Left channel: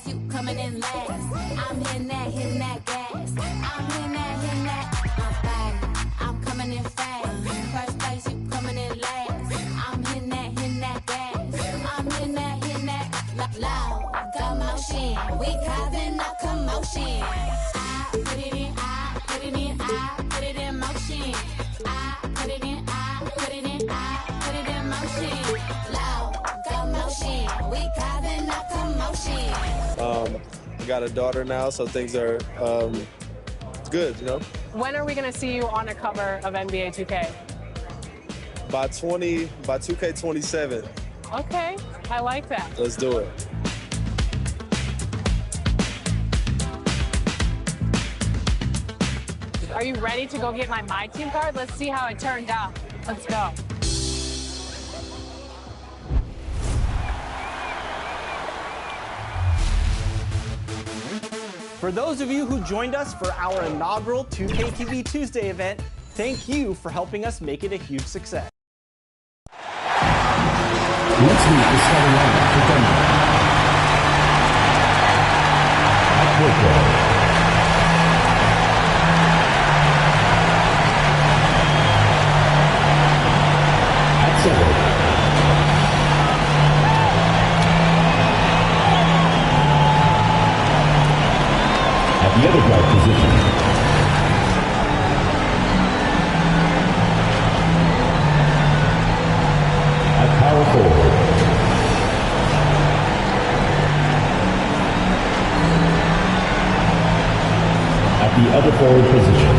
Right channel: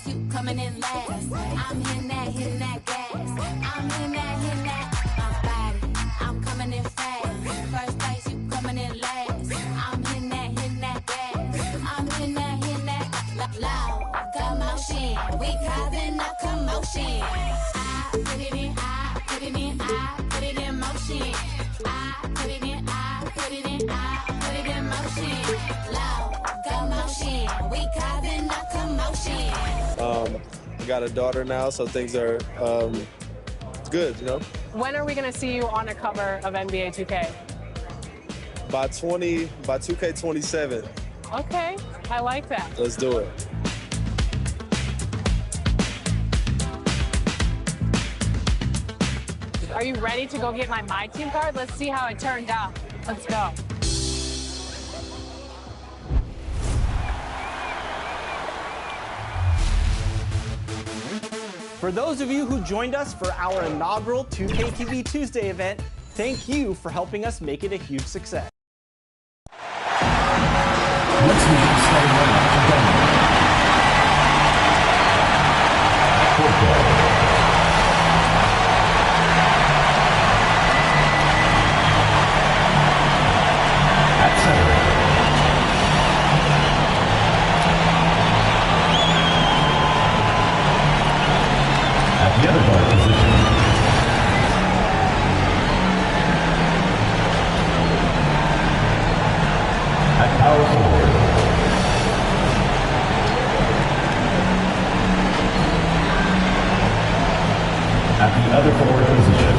place, you coming in last. I'm hitting that gas. I'm hitting that, my body. I'm coming in fast. First place, you coming in last. I'm hitting that gas. I'm hitting that, loud, got motion. We causing a commotion. I put it in, I put it in, I put it in motion. I put it in, I put it in, I put it in motion. Loud, got motion. We causing a commotion. I got a daughter now, so things are good, you know. When are we going to see you on a cover of NBA 2K? By 2K27. Okay, I like that. Let's do it. Are you ready to go get my team card? Let's see how it turned out. Let's go. For those of you who joined us for our inaugural 2K TV Tuesday event, thank you for helping us make it a huge success. Let's meet the starting lineup for Denver. At point guard, at center, at the other guard position, at power forward, at the other forward position,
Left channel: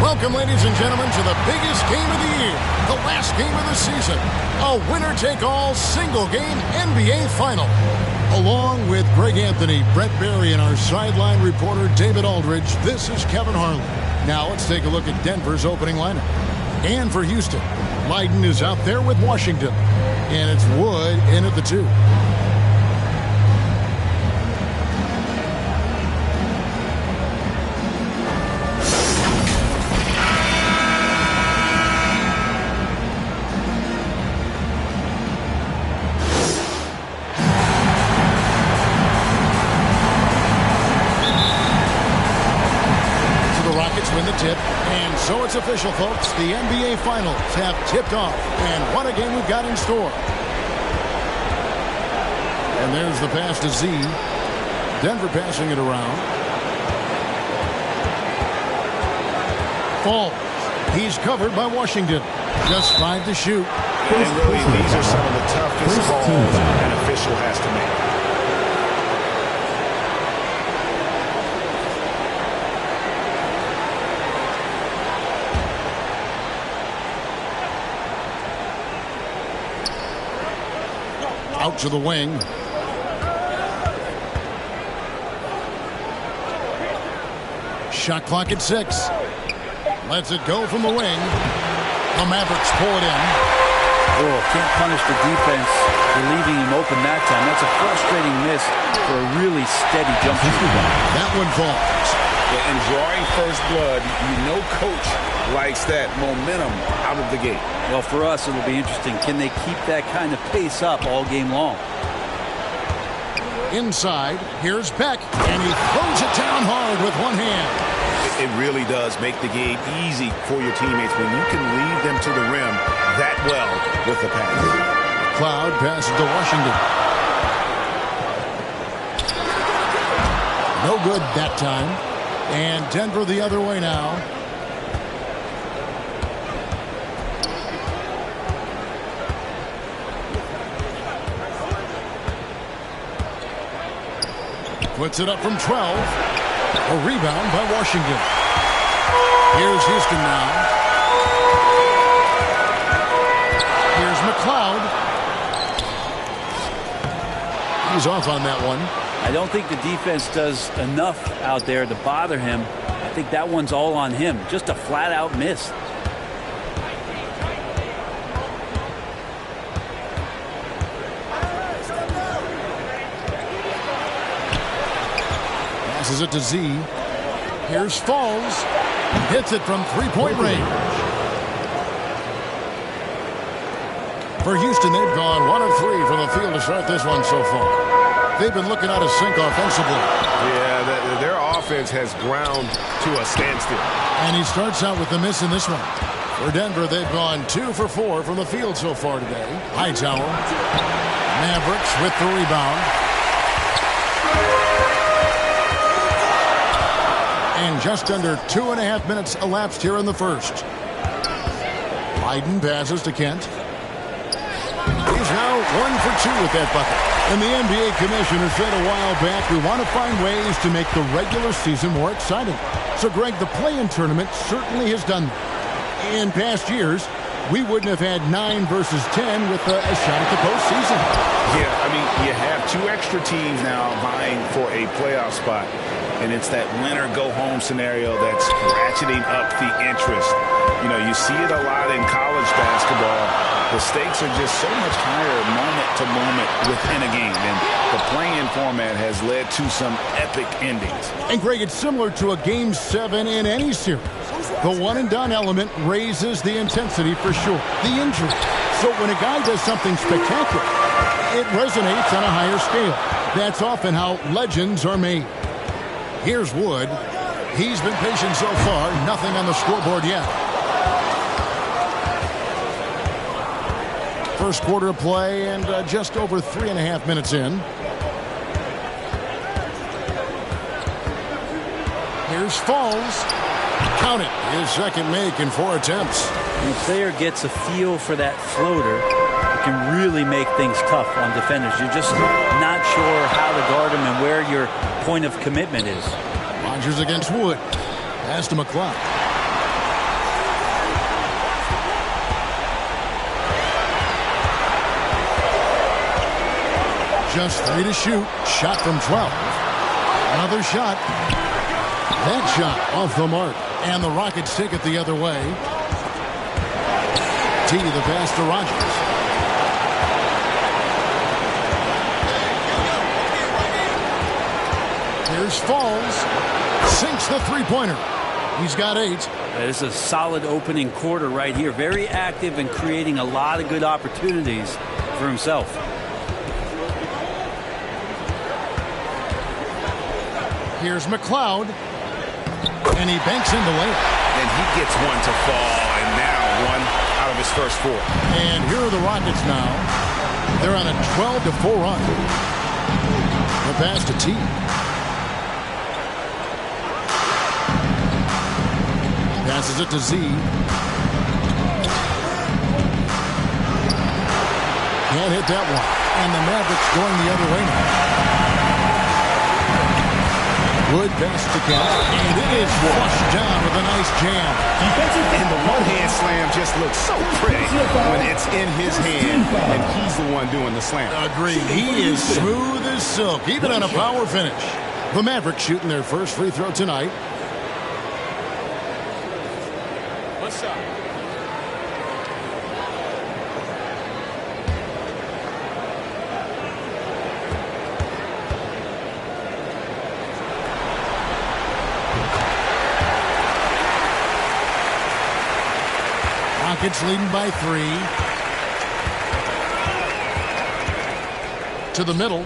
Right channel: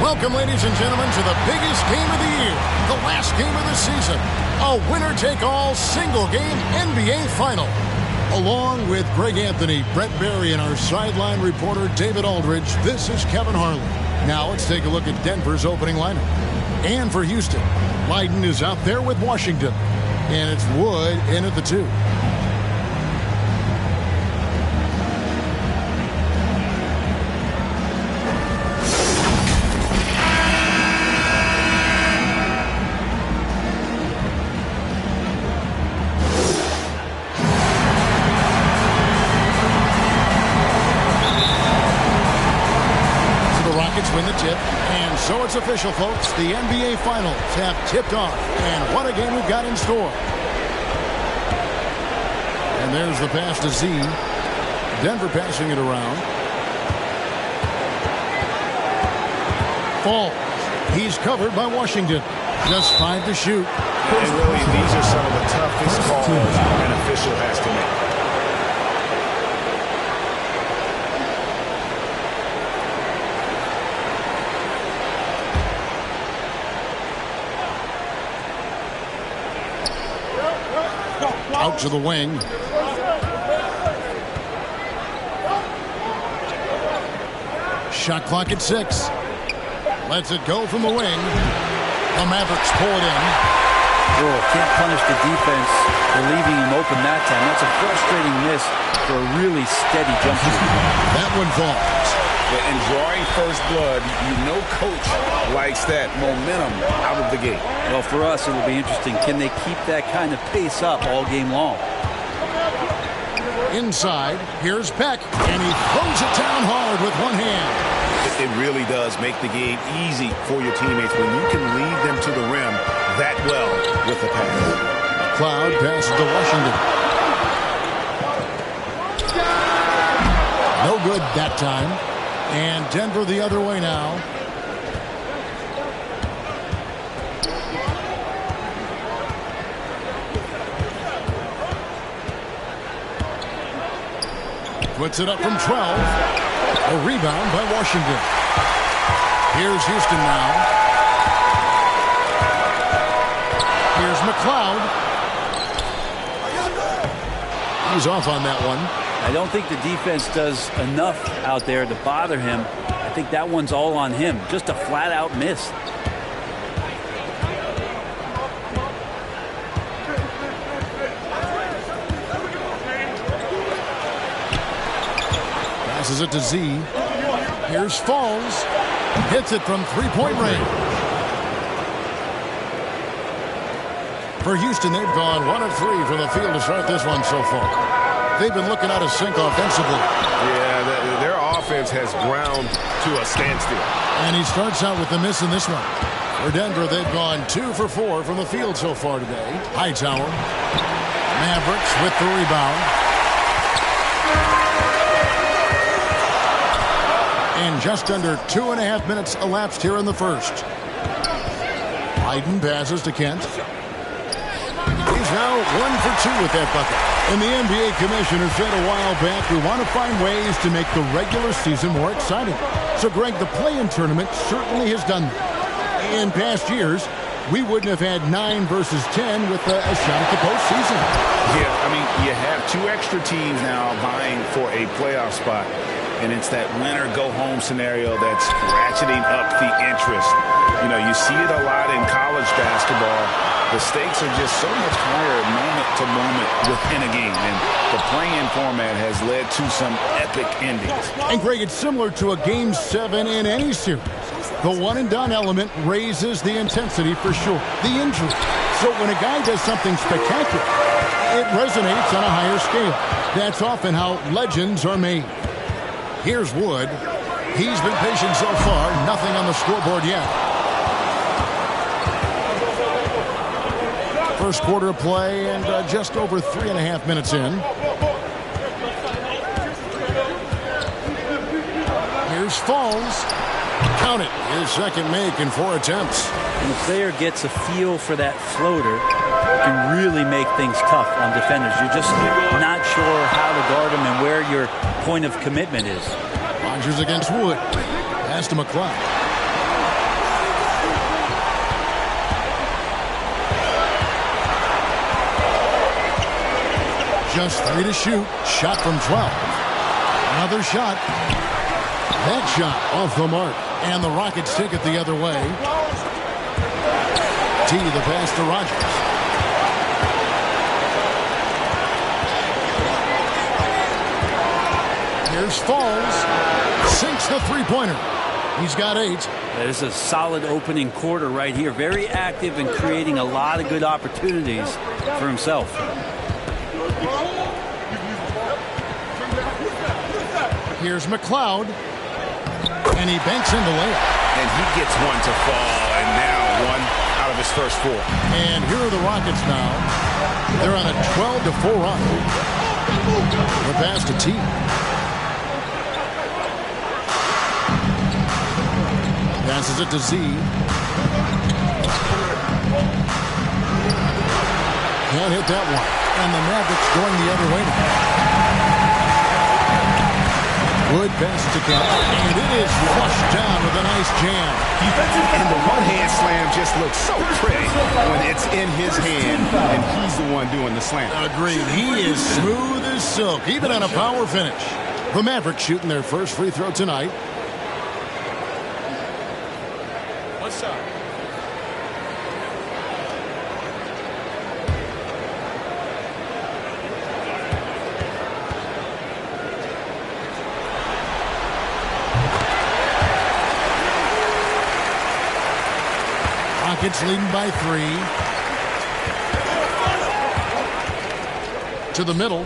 Welcome, ladies and gentlemen, to the biggest game of the year, the last game of the season, a winner-take-all single-game NBA Final. Along with Greg Anthony, Brett Barry, and our sideline reporter David Aldridge, this is Kevin Harlan. Now let's take a look at Denver's opening lineup. And for Houston, Leiden is out there with Washington, and it's Wood in at the 2. Win the tip, and so it's official, folks. The NBA Finals have tipped off, and what a game we've got in store. And there's the pass to Z. Denver passing it around. Falls. He's covered by Washington. Just 5 to shoot. And really, these are some of the toughest calls an official has to make. Out to the wing. Shot clock at 6. Lets it go from the wing. The Mavericks pull it in. Oh, can't punish the defense for leaving him open that time. That's a frustrating miss for a really steady jump shooter. That one falls. Yeah, and drawing first blood, you know coach likes that momentum out of the gate. Well, for us, it'll be interesting. Can they keep that kind of pace up all game long? Inside, here's Beck, and he throws it down hard with one hand. It really does make the game easy for your teammates when you can lead them to the rim that well with the pass. Cloud passes to Washington. No good that time. And Denver the other way now. Puts it up from 12. A rebound by Washington. Here's Houston now. Here's McLeod. He's off on that one. I don't think the defense does enough out there to bother him. I think that one's all on him. Just a flat-out miss. Passes it to Z. Here's Falls. Hits it from three-point range. For Houston, they've gone 1 of 3 from the field to start this one so far. They've been looking out of sync offensively. Yeah, their offense has ground to a standstill. And he starts out with the miss in this one. For Denver, they've gone 2 for 4 from the field so far today. Hightower. Mavericks with the rebound. And just under 2.5 minutes elapsed here in the first. Biden passes to Kent. He's now 1 for 2 with that bucket. And the NBA commissioner said a while back, we want to find ways to make the regular season more exciting. So, Greg, the play-in tournament certainly has done that. In past years, we wouldn't have had 9 versus 10 with a shot at the postseason. Yeah, I mean, you have 2 extra teams now vying for a playoff spot. And it's that winner-go-home scenario that's ratcheting up the interest. You know, you see it a lot in college basketball. The stakes are just so much higher moment to moment within a game. And the play-in format has led to some epic endings. And, Greg, it's similar to a Game 7 in any series. The one-and-done element raises the intensity for sure. The injury. So when a guy does something spectacular, it resonates on a higher scale. That's often how legends are made. Here's Wood. He's been patient so far. Nothing on the scoreboard yet. First quarter of play and just over 3.5 minutes in. Here's Falls. Count it. His second make in 4 attempts. When the player gets a feel for that floater, it can really make things tough on defenders. You're just not sure how to guard them and where your point of commitment is. Rodgers against Wood. Pass to McLeod. Just 3 to shoot. Shot from 12. Another shot. That shot off the mark. And the Rockets take it the other way. T, the pass to Rodgers. Here's Falls. Sinks the three-pointer. He's got 8. This is a solid opening quarter right here. Very active and creating a lot of good opportunities for himself. Here's McLeod. And he banks in the layup. And he gets one to fall, and now 1 out of his first 4. And here are the Rockets now. They're on a 12-4 run. The pass to T. Passes it to Z. Can't hit that one. And the Mavericks going the other way now. Wood passes to Kemp, and it is flushed down with a nice jam. And the one-hand slam just looks so pretty when it's in his hand, and he's the one doing the slam. Agreed. He is smooth as silk, even on a power finish. The Mavericks shooting their first free throw tonight. What's up? Rockets leading by 3. To the middle.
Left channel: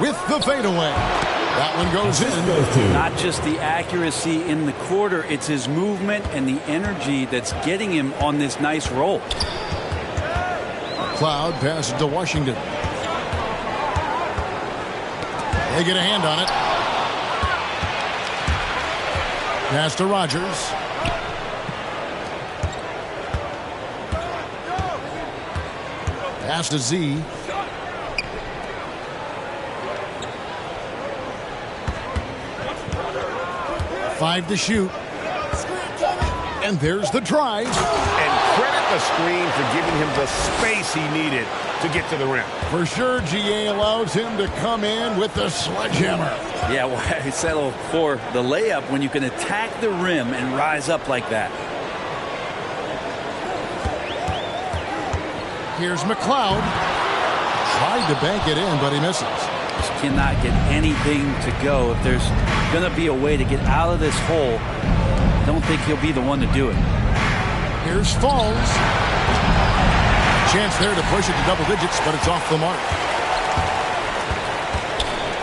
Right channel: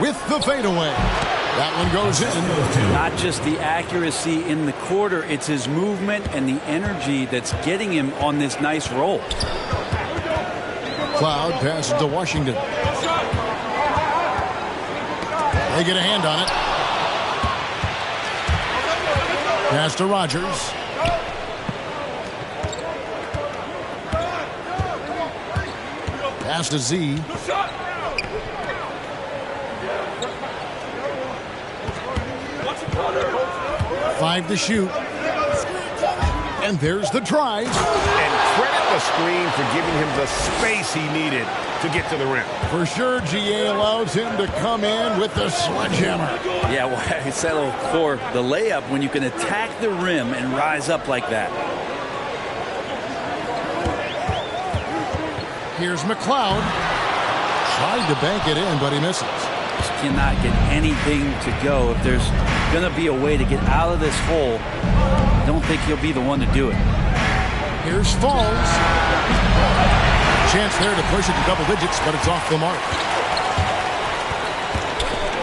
With the fadeaway. That one goes in. Not just the accuracy in the quarter, it's his movement and the energy that's getting him on this nice roll. Cloud passes to Washington. They get a hand on it. Pass to Rogers. Pass to Z. Five to shoot. And there's the drive. And credit the screen for giving him the space he needed to get to the rim. For sure, GA allows him to come in with the sledgehammer. Yeah, well, I settle for the layup when you can attack the rim and rise up like that. Here's McLeod. Tried to bank it in, but he misses. Just cannot get anything to go. If there's going to be a way to get out of this hole, I don't think he'll be the one to do it. Here's Falls. Chance there to push it to double digits, but it's off the mark.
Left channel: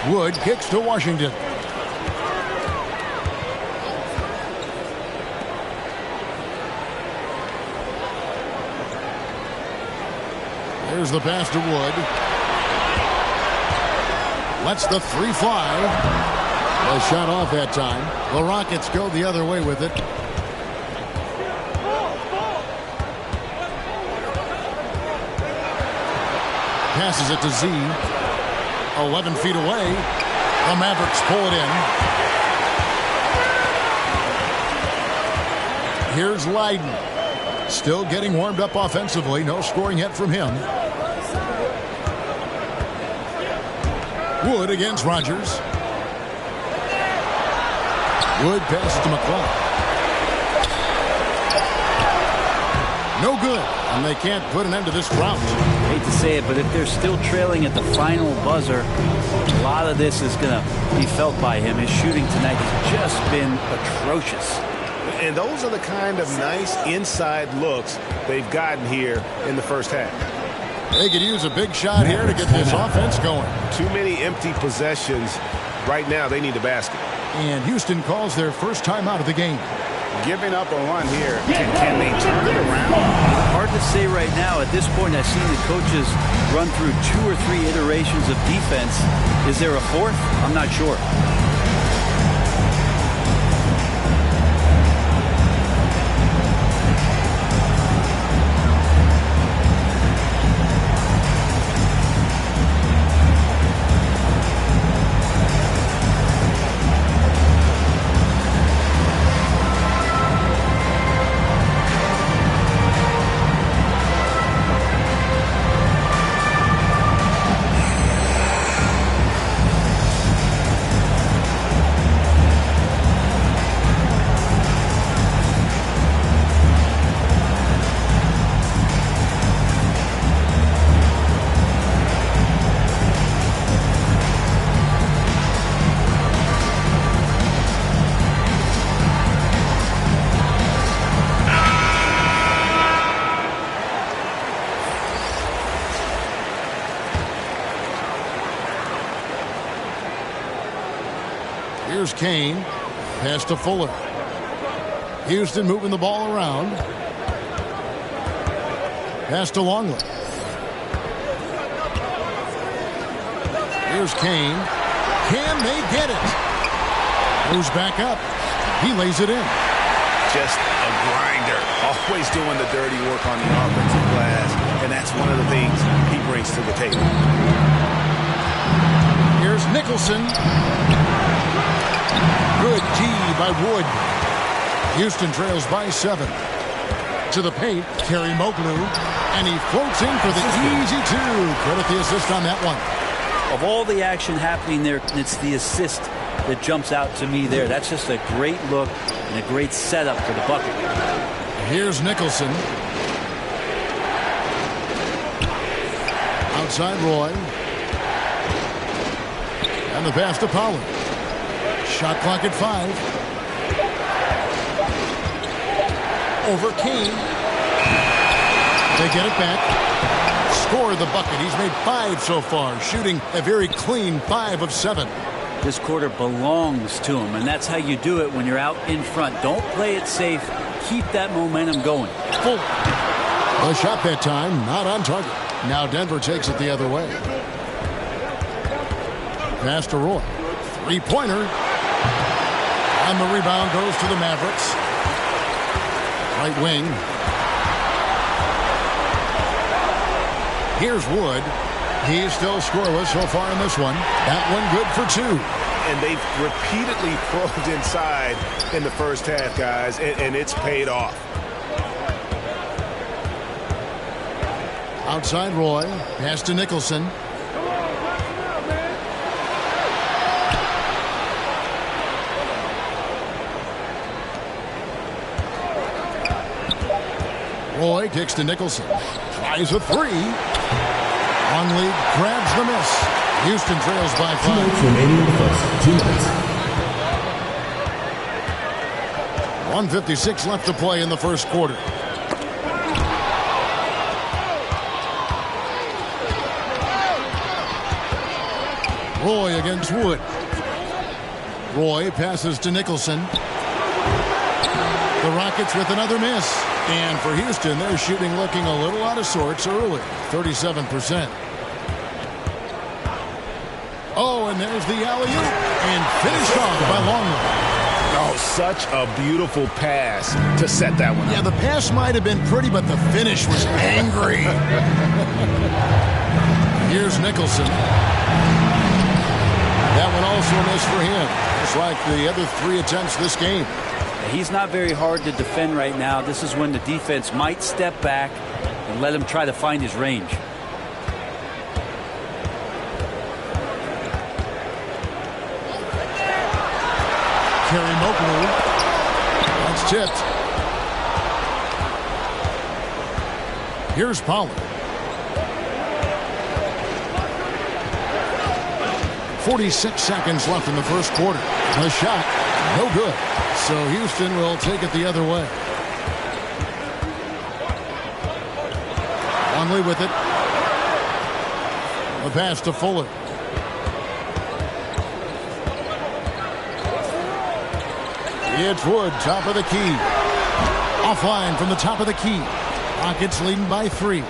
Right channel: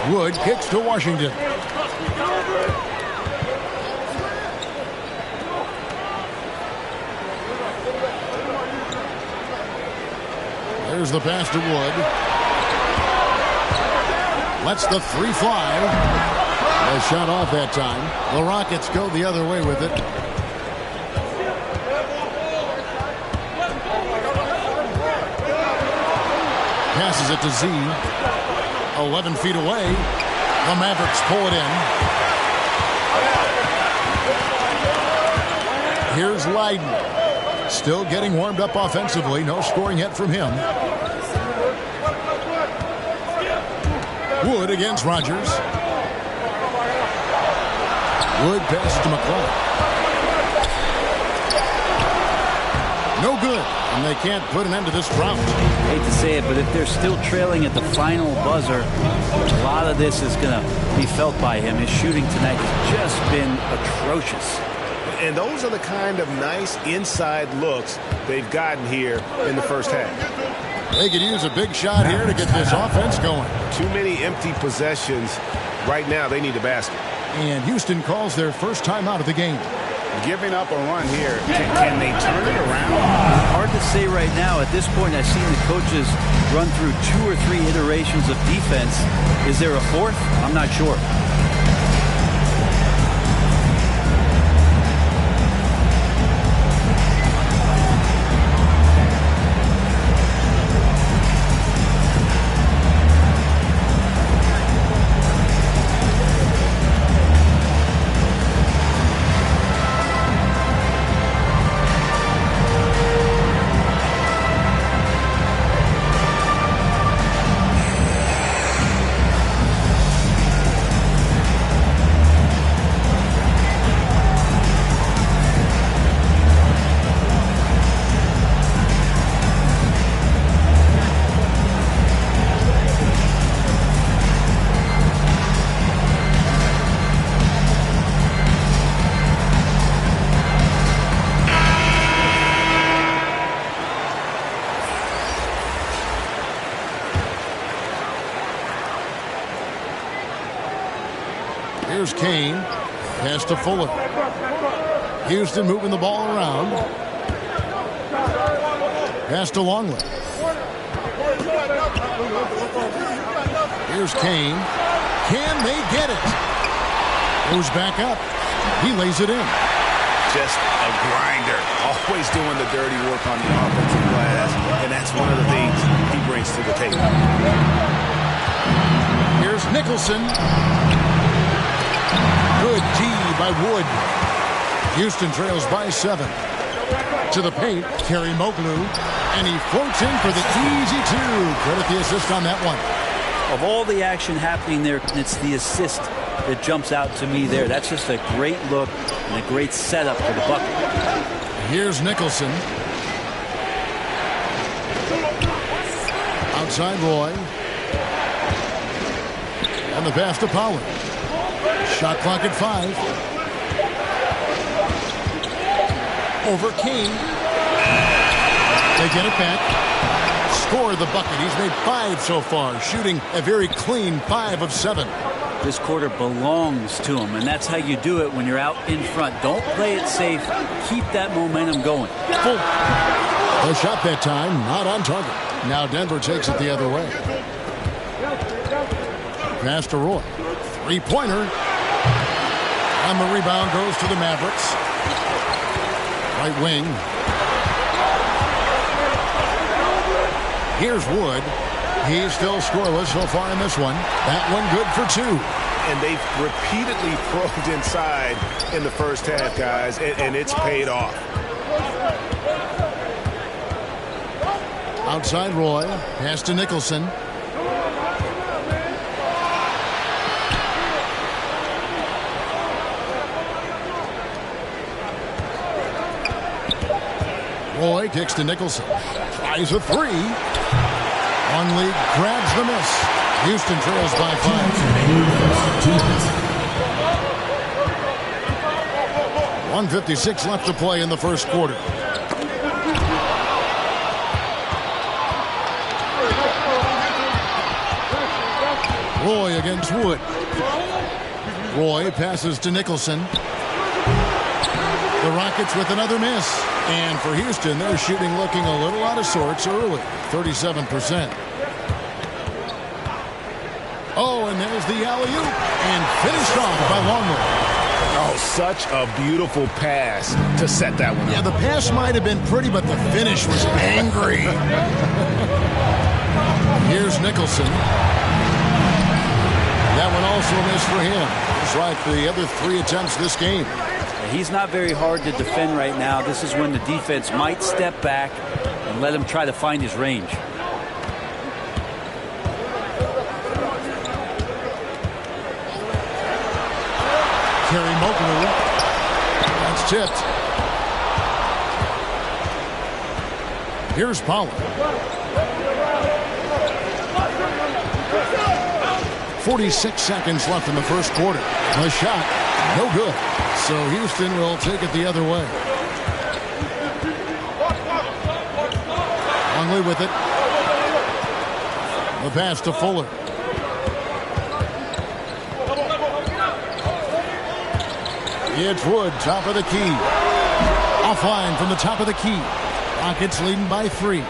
Wood kicks to Washington. There's the pass to Wood. Lets the 3 fly. A shot off that time. The Rockets go the other way with it. Passes it to Z. 11 feet away. The Mavericks pull it in. Here's Leiden. Still getting warmed up offensively. No scoring yet from him. Wood against Rogers. Wood passes to McLeod. No good. And they can't put an end to this drought. Hate to say it, but if they're still trailing at the final buzzer, a lot of this is going to be felt by him. His shooting tonight has just been atrocious. And those are the kind of nice inside looks they've gotten here in the first half. They could use a big shot here to get this offense going. Too many empty possessions. Right now, they need a basket. And Houston calls their first time out of the game. Giving up a run here. Can they turn it around? Hard to say right now. At this point, I've seen the coaches run through 2 or 3 iterations of defense. Is there a fourth? I'm not sure. Here's Kane. Pass to Fuller. Houston moving the ball around. Pass to Longley. Here's Kane. Can they get it? Goes back up. He lays it in. Just a grinder. Always doing the dirty work on the offensive glass. And that's one of the things he brings to the table. Here's Here's Nicholson. Good D by Wood. Houston trails by 7. To the paint, Kerry Moglu. And he floats in for the easy 2. Credit the assist on that one. Of all the action happening there, it's the assist that jumps out to me there. That's just a great look and a great setup for the bucket. Here's Nicholson. Outside Roy. And the pass to Pollard. Shot clock at 5. Over Kane. They get it back. Score the bucket. He's made 5 so far, shooting a very clean 5 of 7. This quarter belongs to him, and that's how you do it when you're out in front. Don't play it safe. Keep that momentum going. Full. The shot that time, not on target. Now Denver takes it the other way. Pass to Roy. Three-pointer. And the rebound goes to the Mavericks. Right wing. Here's Wood. He's still scoreless so far in this one. That one good for 2. And they've repeatedly probed inside in the first half, guys, and it's paid off. Outside Roy. Pass to Nicholson. Roy kicks to Nicholson. Tries a 3. Longley grabs the miss. Houston trails by 5. 2 minutes remaining in the first. 2 minutes. 1:56 left to play in the first quarter. Roy against Wood. Roy passes to Nicholson. The Rockets with another miss. And for Houston, they're shooting looking a little out of sorts early. 37%. Oh, and there's the alley-oop. And finished off by Longley. Oh, such a beautiful pass to set that one up. Yeah, the pass might have been pretty, but the finish was angry. Here's Nicholson. That one also a miss for him. Just like the other 3 attempts this game. He's not very hard to defend right now. This is when the defense might step back and let him try to find his range. Kerry Moglu. That's tipped. Here's Pollard. 46 seconds left in the first quarter. The shot, no good. So Houston will take it the other way. Longley with it. The pass to Fuller. It's Wood, top of the key. Offline from the top of the key. Rockets leading by 3.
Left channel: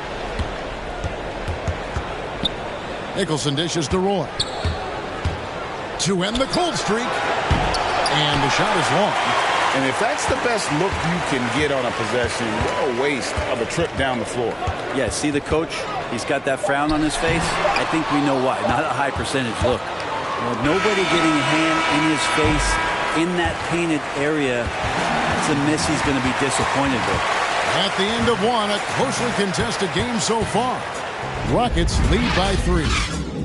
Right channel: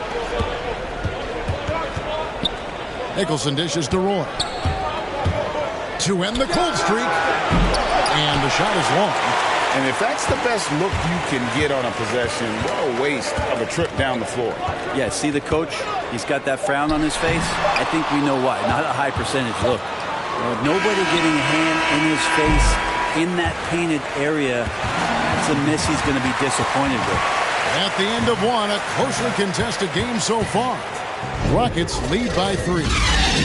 Nicholson dishes to Roy. To end the cold streak. And the shot is long. And if that's the best look you can get on a possession, what a waste of a trip down the floor. Yeah, see the coach? He's got that frown on his face. I think we know why. Not a high percentage look. Nobody getting a hand in his face in that painted area. That's a miss he's going to be disappointed with. At the end of one, a closely contested game so far. Rockets lead by 3.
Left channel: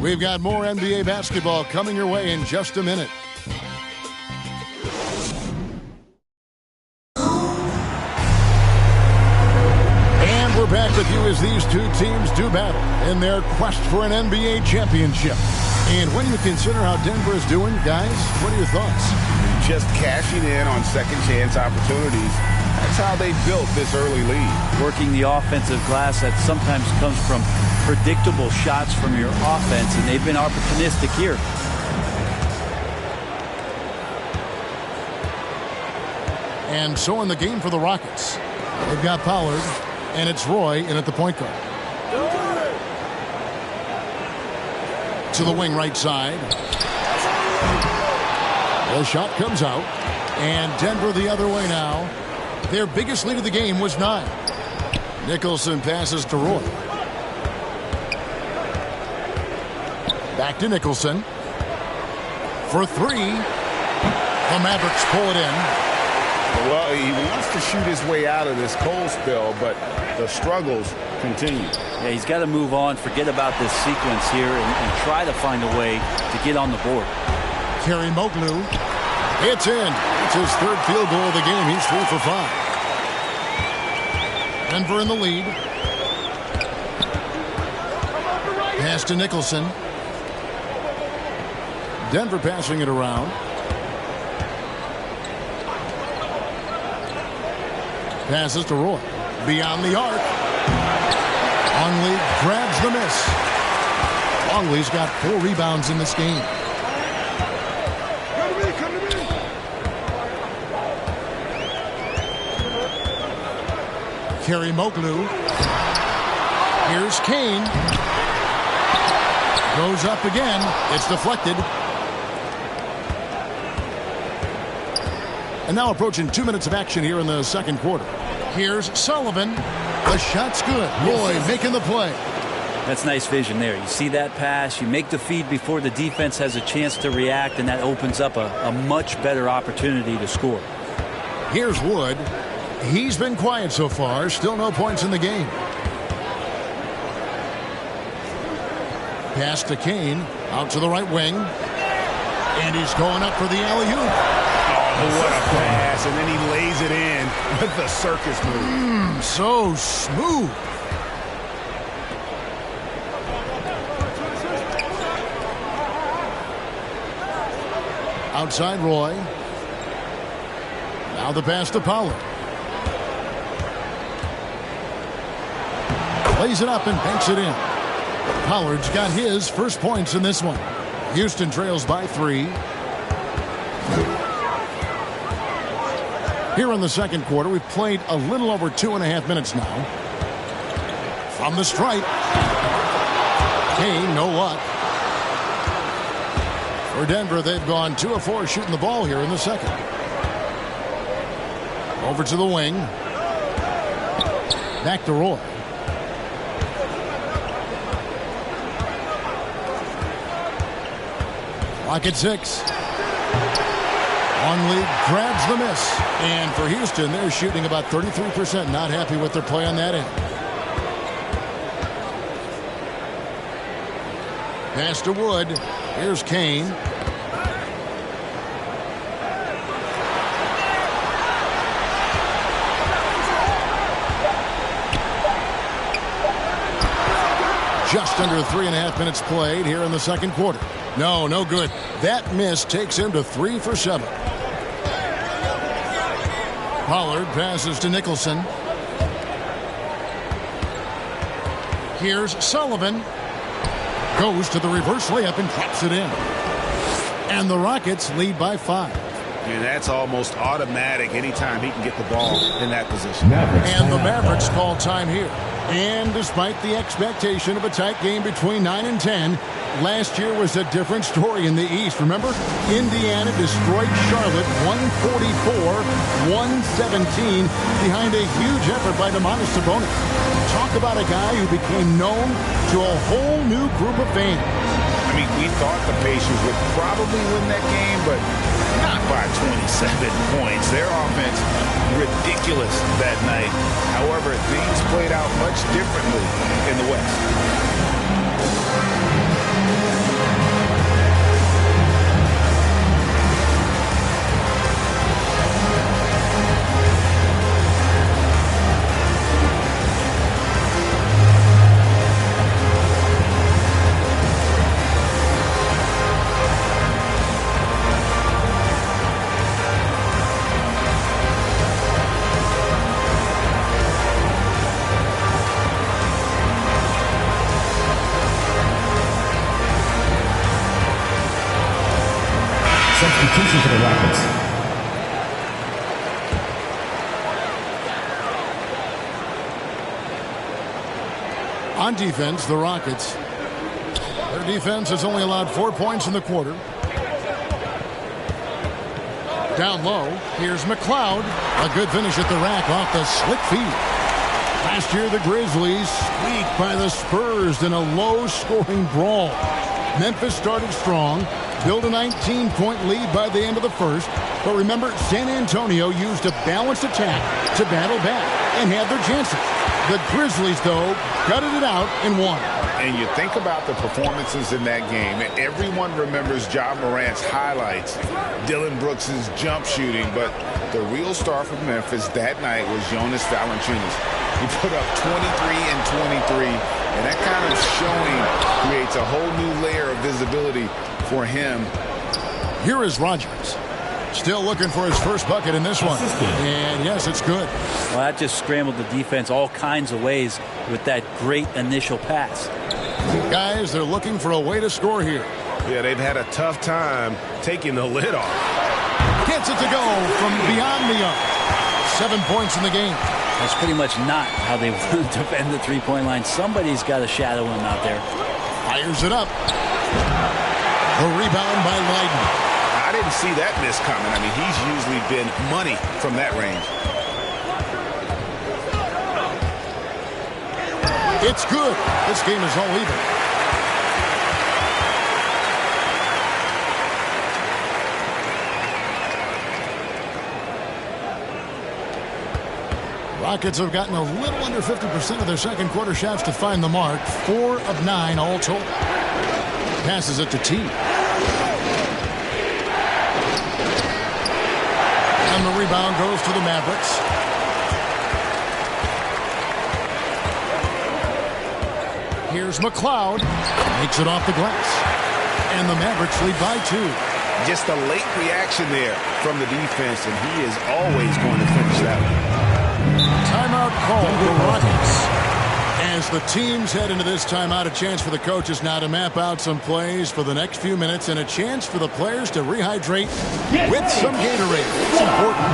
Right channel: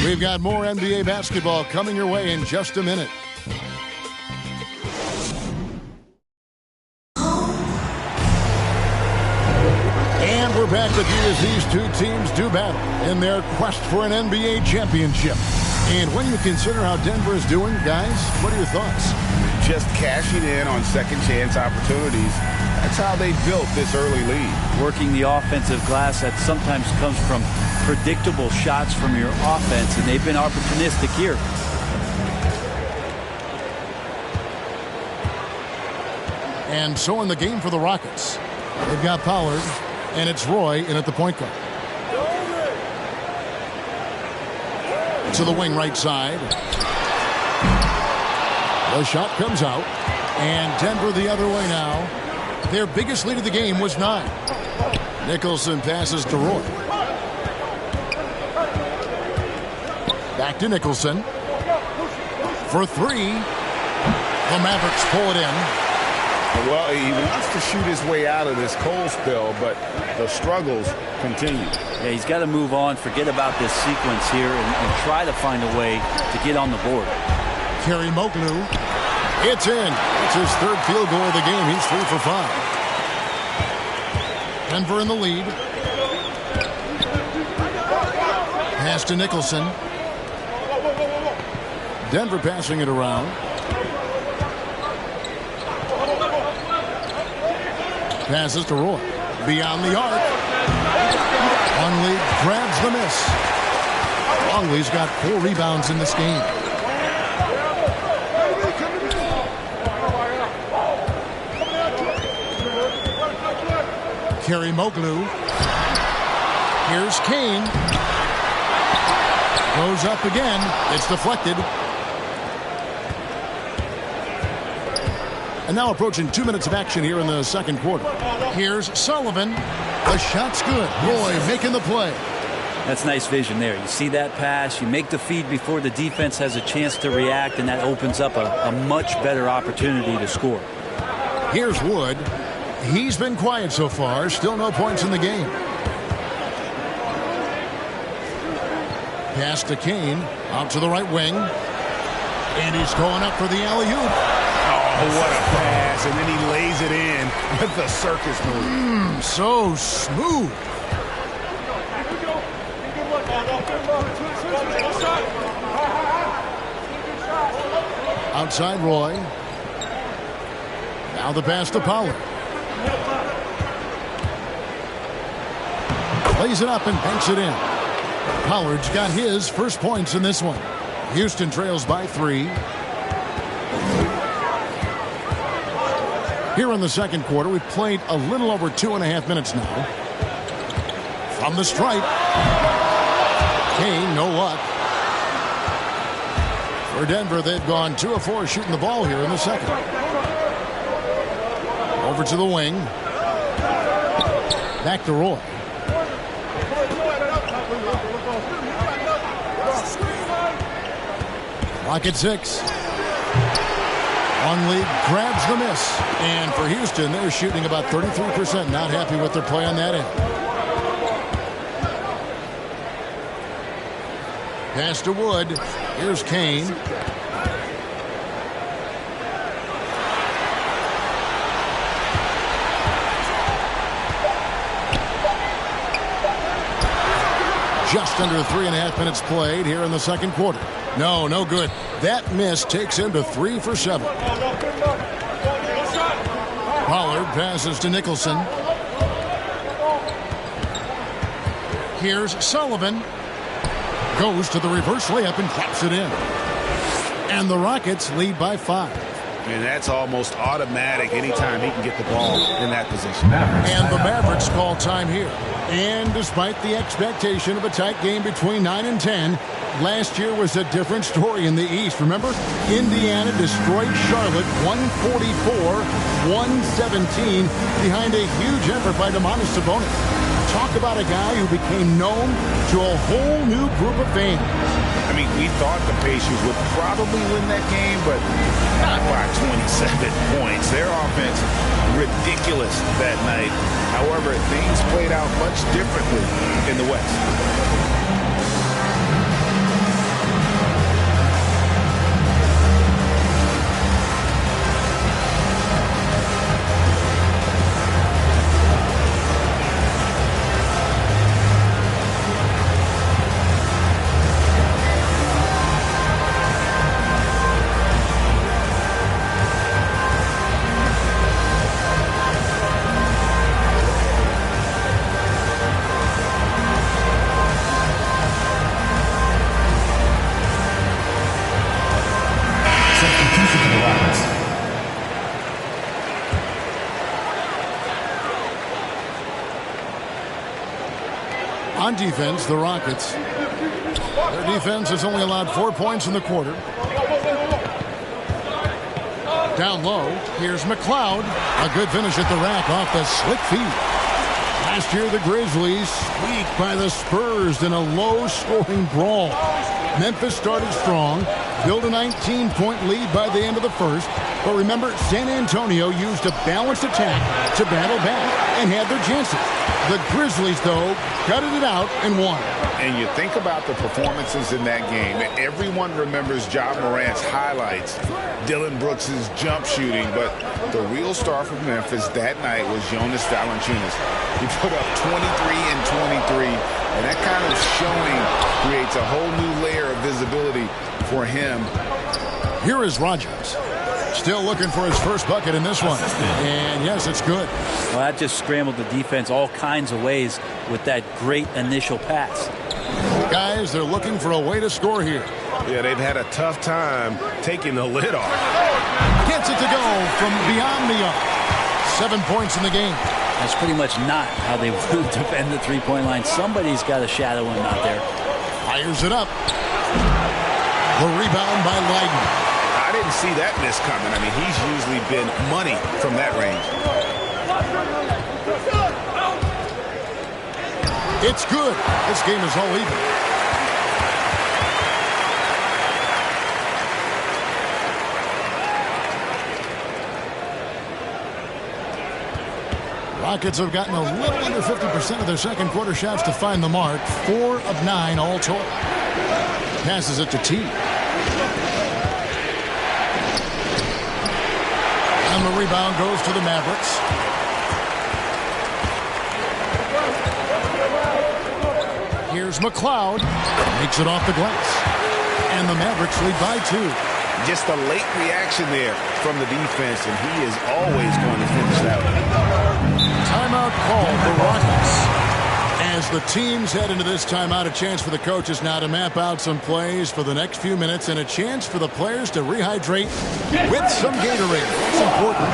We've got more NBA basketball coming your way in just a minute. And we're back with you as these 2 teams do battle in their quest for an NBA championship. And when you consider how Denver is doing, guys, what are your thoughts? Just cashing in on second chance opportunities. That's how they built this early lead. Working the offensive glass that sometimes comes from predictable shots from your offense, and they've been opportunistic here. And so in the game for the Rockets, they've got Pollard, and it's Roy in at the point guard. To the wing right side. The shot comes out, and Denver the other way now. Their biggest lead of the game was 9. Nicholson passes to Roy. Back to Nicholson. for three. The Mavericks pull it in. Well, he wants to shoot his way out of this cold spell, but the struggles continue. Yeah, he's got to move on, forget about this sequence here, and try to find a way to get on the board. Moglu. It's in. It's his third field goal of the game. He's 3 for 5. Denver in the lead. Pass to Nicholson. Denver passing it around. Passes to Roy. Beyond the arc. Longley grabs the miss. Longley's got 4 rebounds in this game. Moglu. Here's Kane. Goes up again. It's deflected. And now approaching 2 minutes of action here in the second quarter. Here's Sullivan. The shot's good. Roy making the play. That's nice vision there. You see that pass, you make the feed before the defense has a chance to react, and that opens up a much better opportunity to score. Here's Wood. He's been quiet so far. Still no points in the game. Pass to Kane. Out to the right wing. And he's going up for the alley-oop. Oh, what a pass. And then he lays it in with the circus move. So smooth. Outside Roy. Now the pass to Pollard. Lays it up and banks it in. Pollard's got his first points in this one. Houston trails by 3. Here in the second quarter, we've played a little over 2.5 minutes now. From the stripe. Kane, no luck. For Denver, they've gone 2 of 4 shooting the ball here in the second. Over to the wing. Back to Roy. Clock at 6. Longley grabs the miss. And for Houston, they're shooting about 33%. Not happy with their play on that end. Pass to Wood. Here's Kane. Just under 3.5 minutes played here in the second quarter. No good. That miss takes him to 3 for 7. Pollard passes to Nicholson. Here's Sullivan. Goes to the reverse layup and claps it in. And the Rockets lead by 5. And that's almost automatic anytime he can get the ball in that position. And the Mavericks call time here. And despite the expectation of a tight game between 9 and 10, last year was a different story in the East. Remember, Indiana destroyed Charlotte 144-117 behind a huge effort by Domantas Sabonis. Talk about a guy who became known to a whole new group of fans. I mean, we thought the Pacers would probably win that game, but not by 27 points. Their offense, ridiculous that night. However, things played out much differently in the West. Substitution for the Rockets. On defense, the Rockets. Their defense has only allowed 4 points in the quarter. Down low, here's McLeod. A good finish at the rack off the slick feed. Last year, the Grizzlies squeaked by the Spurs in a low-scoring brawl. Memphis started strong, built a 19-point lead by the end of the first. But remember, San Antonio used a balanced attack to battle back and had their chances. The Grizzlies, though, gutted it out and won. And you think about the performances in that game. Everyone remembers Ja Morant's highlights, Dylan Brooks' jump shooting, but the real star for Memphis that night was Jonas Valanciunas. He put up 23 and 23, and that kind of showing creates a whole new layer of visibility for him. Here is Rodgers. Still looking for his first bucket in this one. And yes, it's good. Well, that just scrambled the defense all kinds of ways with that great initial pass. Guys, they're looking for a way to score here. Yeah, they've had a tough time taking the lid off. Gets it to go from beyond the arc. 7 points in the game. That's pretty much not how they defend the three-point line. Somebody's got to shadow him out there. Fires it up. The rebound by Leiden. I didn't see that miss coming. I mean, he's usually been money from that range. It's good. This game is all even. Rockets have gotten a little under 50% of their second quarter shots to find the mark. 4 of 9 all told. Passes it to T. And the rebound goes to the Mavericks. Here's McLeod. Makes it off the glass. And the Mavericks lead by 2. Just a late reaction there from the defense, and he is always going to finish that one. Timeout call for Rockets. As the teams head into this timeout, a chance for the coaches now to map out some plays for the next few minutes and a chance for the players to rehydrate with some Gatorade. That's important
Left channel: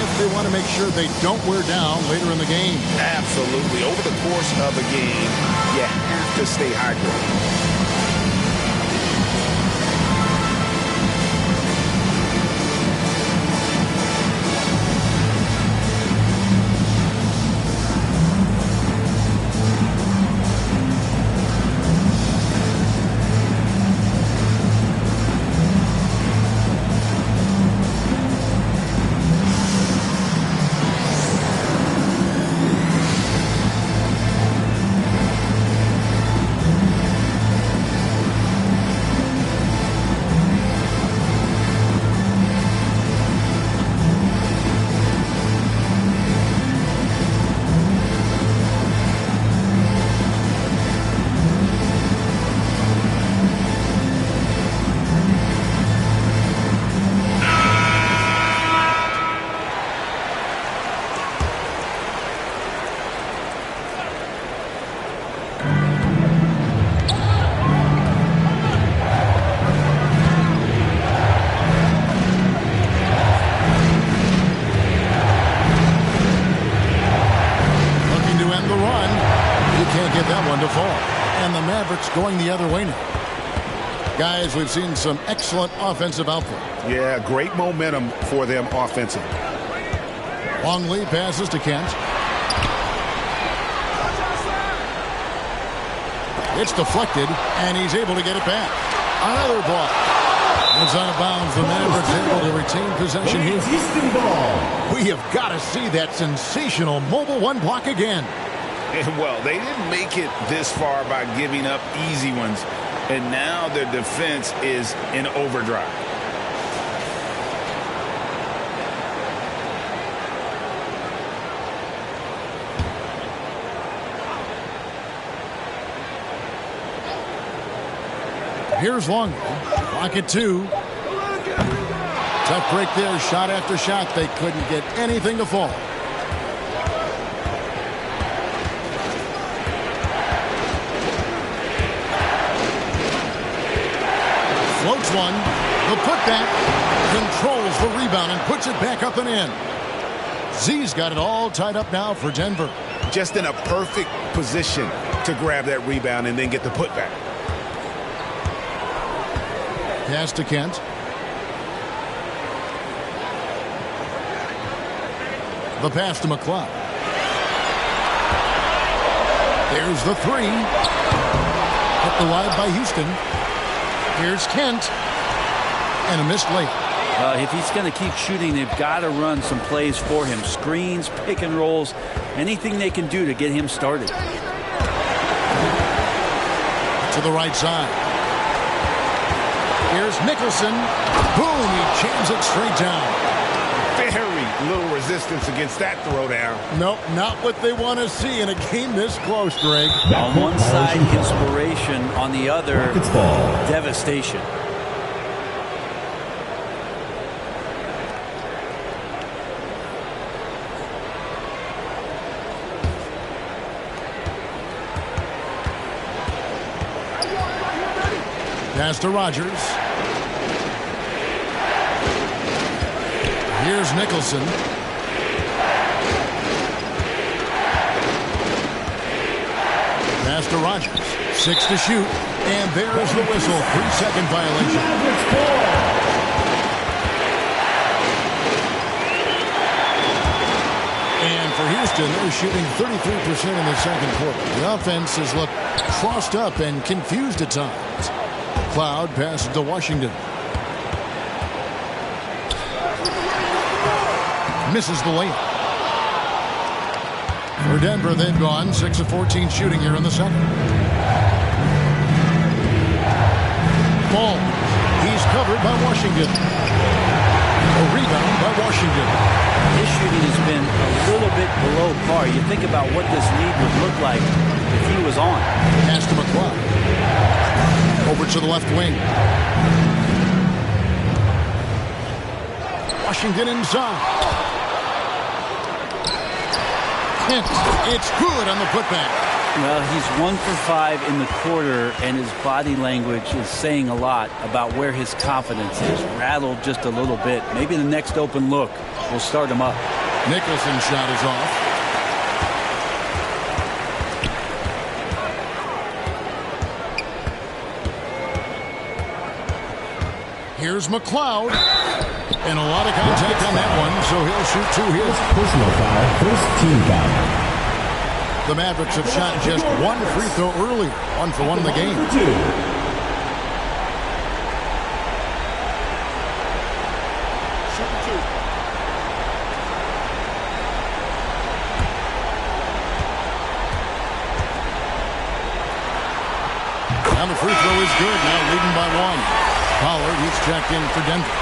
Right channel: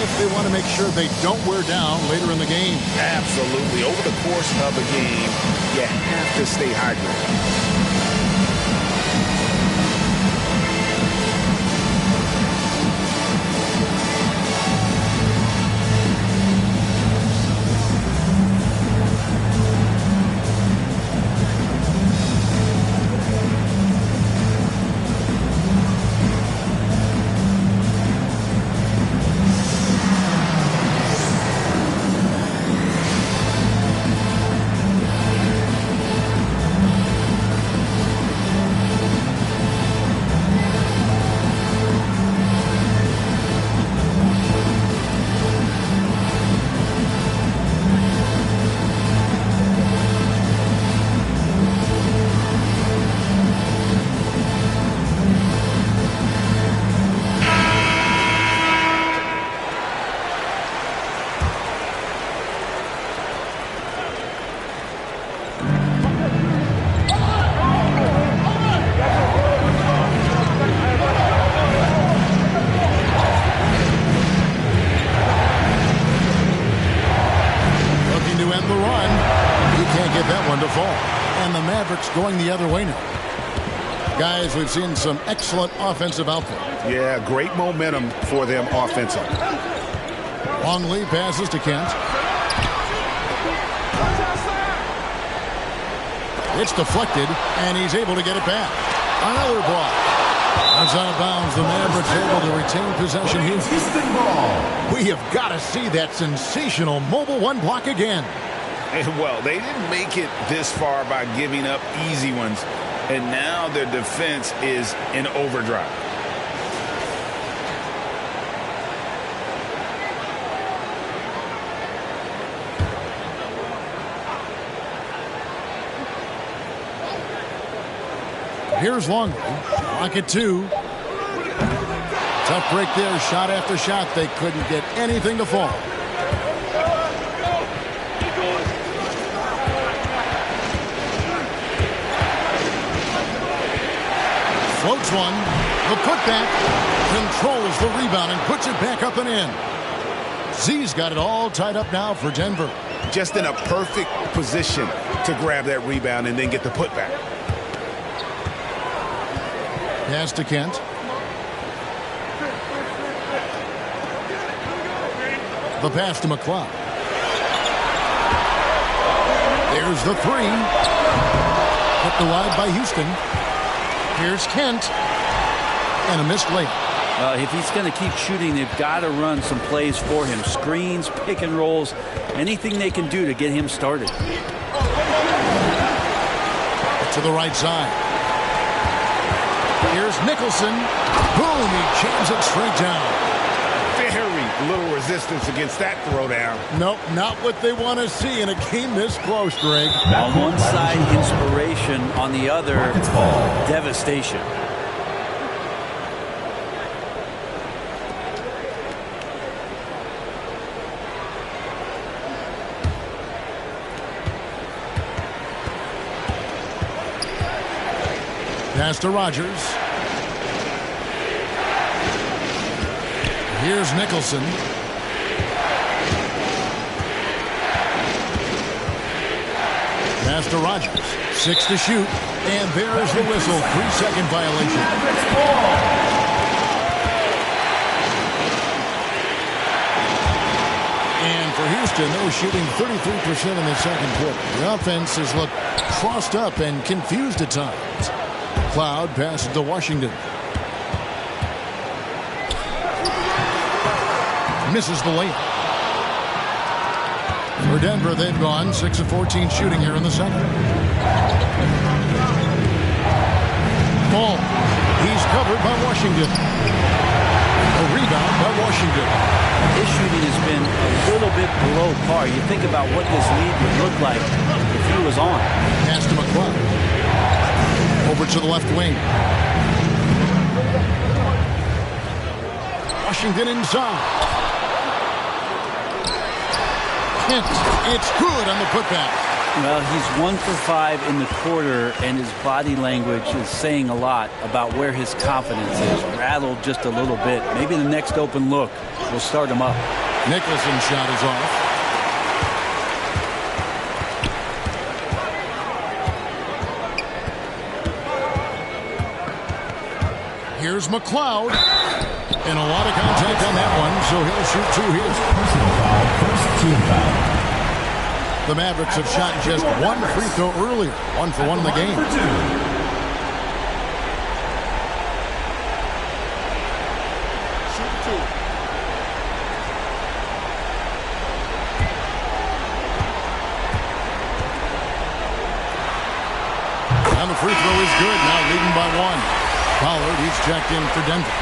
if they want to make sure they don't wear down later in the game. Absolutely. Over the course of a game, you have to stay hydrated. Get that one to fall. And the Mavericks going the other way now. Guys, we've seen some excellent offensive output. Yeah, great momentum for them offensively. Long lead passes to Kent. It's deflected, and he's able to get it back. Another block. It's out of bounds. The Mavericks able to retain possession here. We have got to see that sensational mobile one block again. And, well, they didn't make it this far by giving up easy ones, and now their defense is in overdrive. Here's Longley. Clock at 2. Tough break there. Shot after shot. They couldn't get anything to fall. Floats one. The putback. Controls the rebound and puts it back up and in. Z's got it all tied up now for Denver. Just in a perfect position to grab that rebound and then get the putback. Pass to Kent. The pass to McLeod. There's the three. Kept alive by Houston. Here's Kent. And a missed layup. If he's going to keep shooting, they've got to run some plays for him. Screens, pick and rolls, anything they can do to get him started. To the right side. Here's Nicholson. Boom, he jams it straight down. Very little resistance against that throwdown. Nope, not what they want to see in a game this close, Greg. On one side, inspiration. On the other, devastation. Pass to Rogers. Here's Nicholson. Pass to Rogers. 6 to shoot. And there's the whistle. 3-second violation. And for Houston, they're shooting 33% in the second quarter. The offense has looked crossed up and confused at times. Cloud passes to Washington. Misses the layup. For Denver, they've gone 6 of 14 shooting here in the second. Ball. He's covered by Washington. A rebound by Washington. His shooting has been a little bit below par. You think about what this lead would look like if he was on. Pass to McCloud. Over to the left wing. Washington inside. Kent, it's good on the putback. Well, he's 1 for 5 in the quarter, and his body language is saying a lot about where his confidence is. Rattled just a little bit. Maybe the next open look will start him up. Nicholson's shot is off. Here's McCloud. And a lot of contact on that one, so he'll shoot 2 here. Personal foul, first team foul. The Mavericks have shot just 1 free throw earlier. 1 for 1 in the game. Shooting 2. And the free throw is good. Now leading by 1. Pollard, he's checked in for Denver.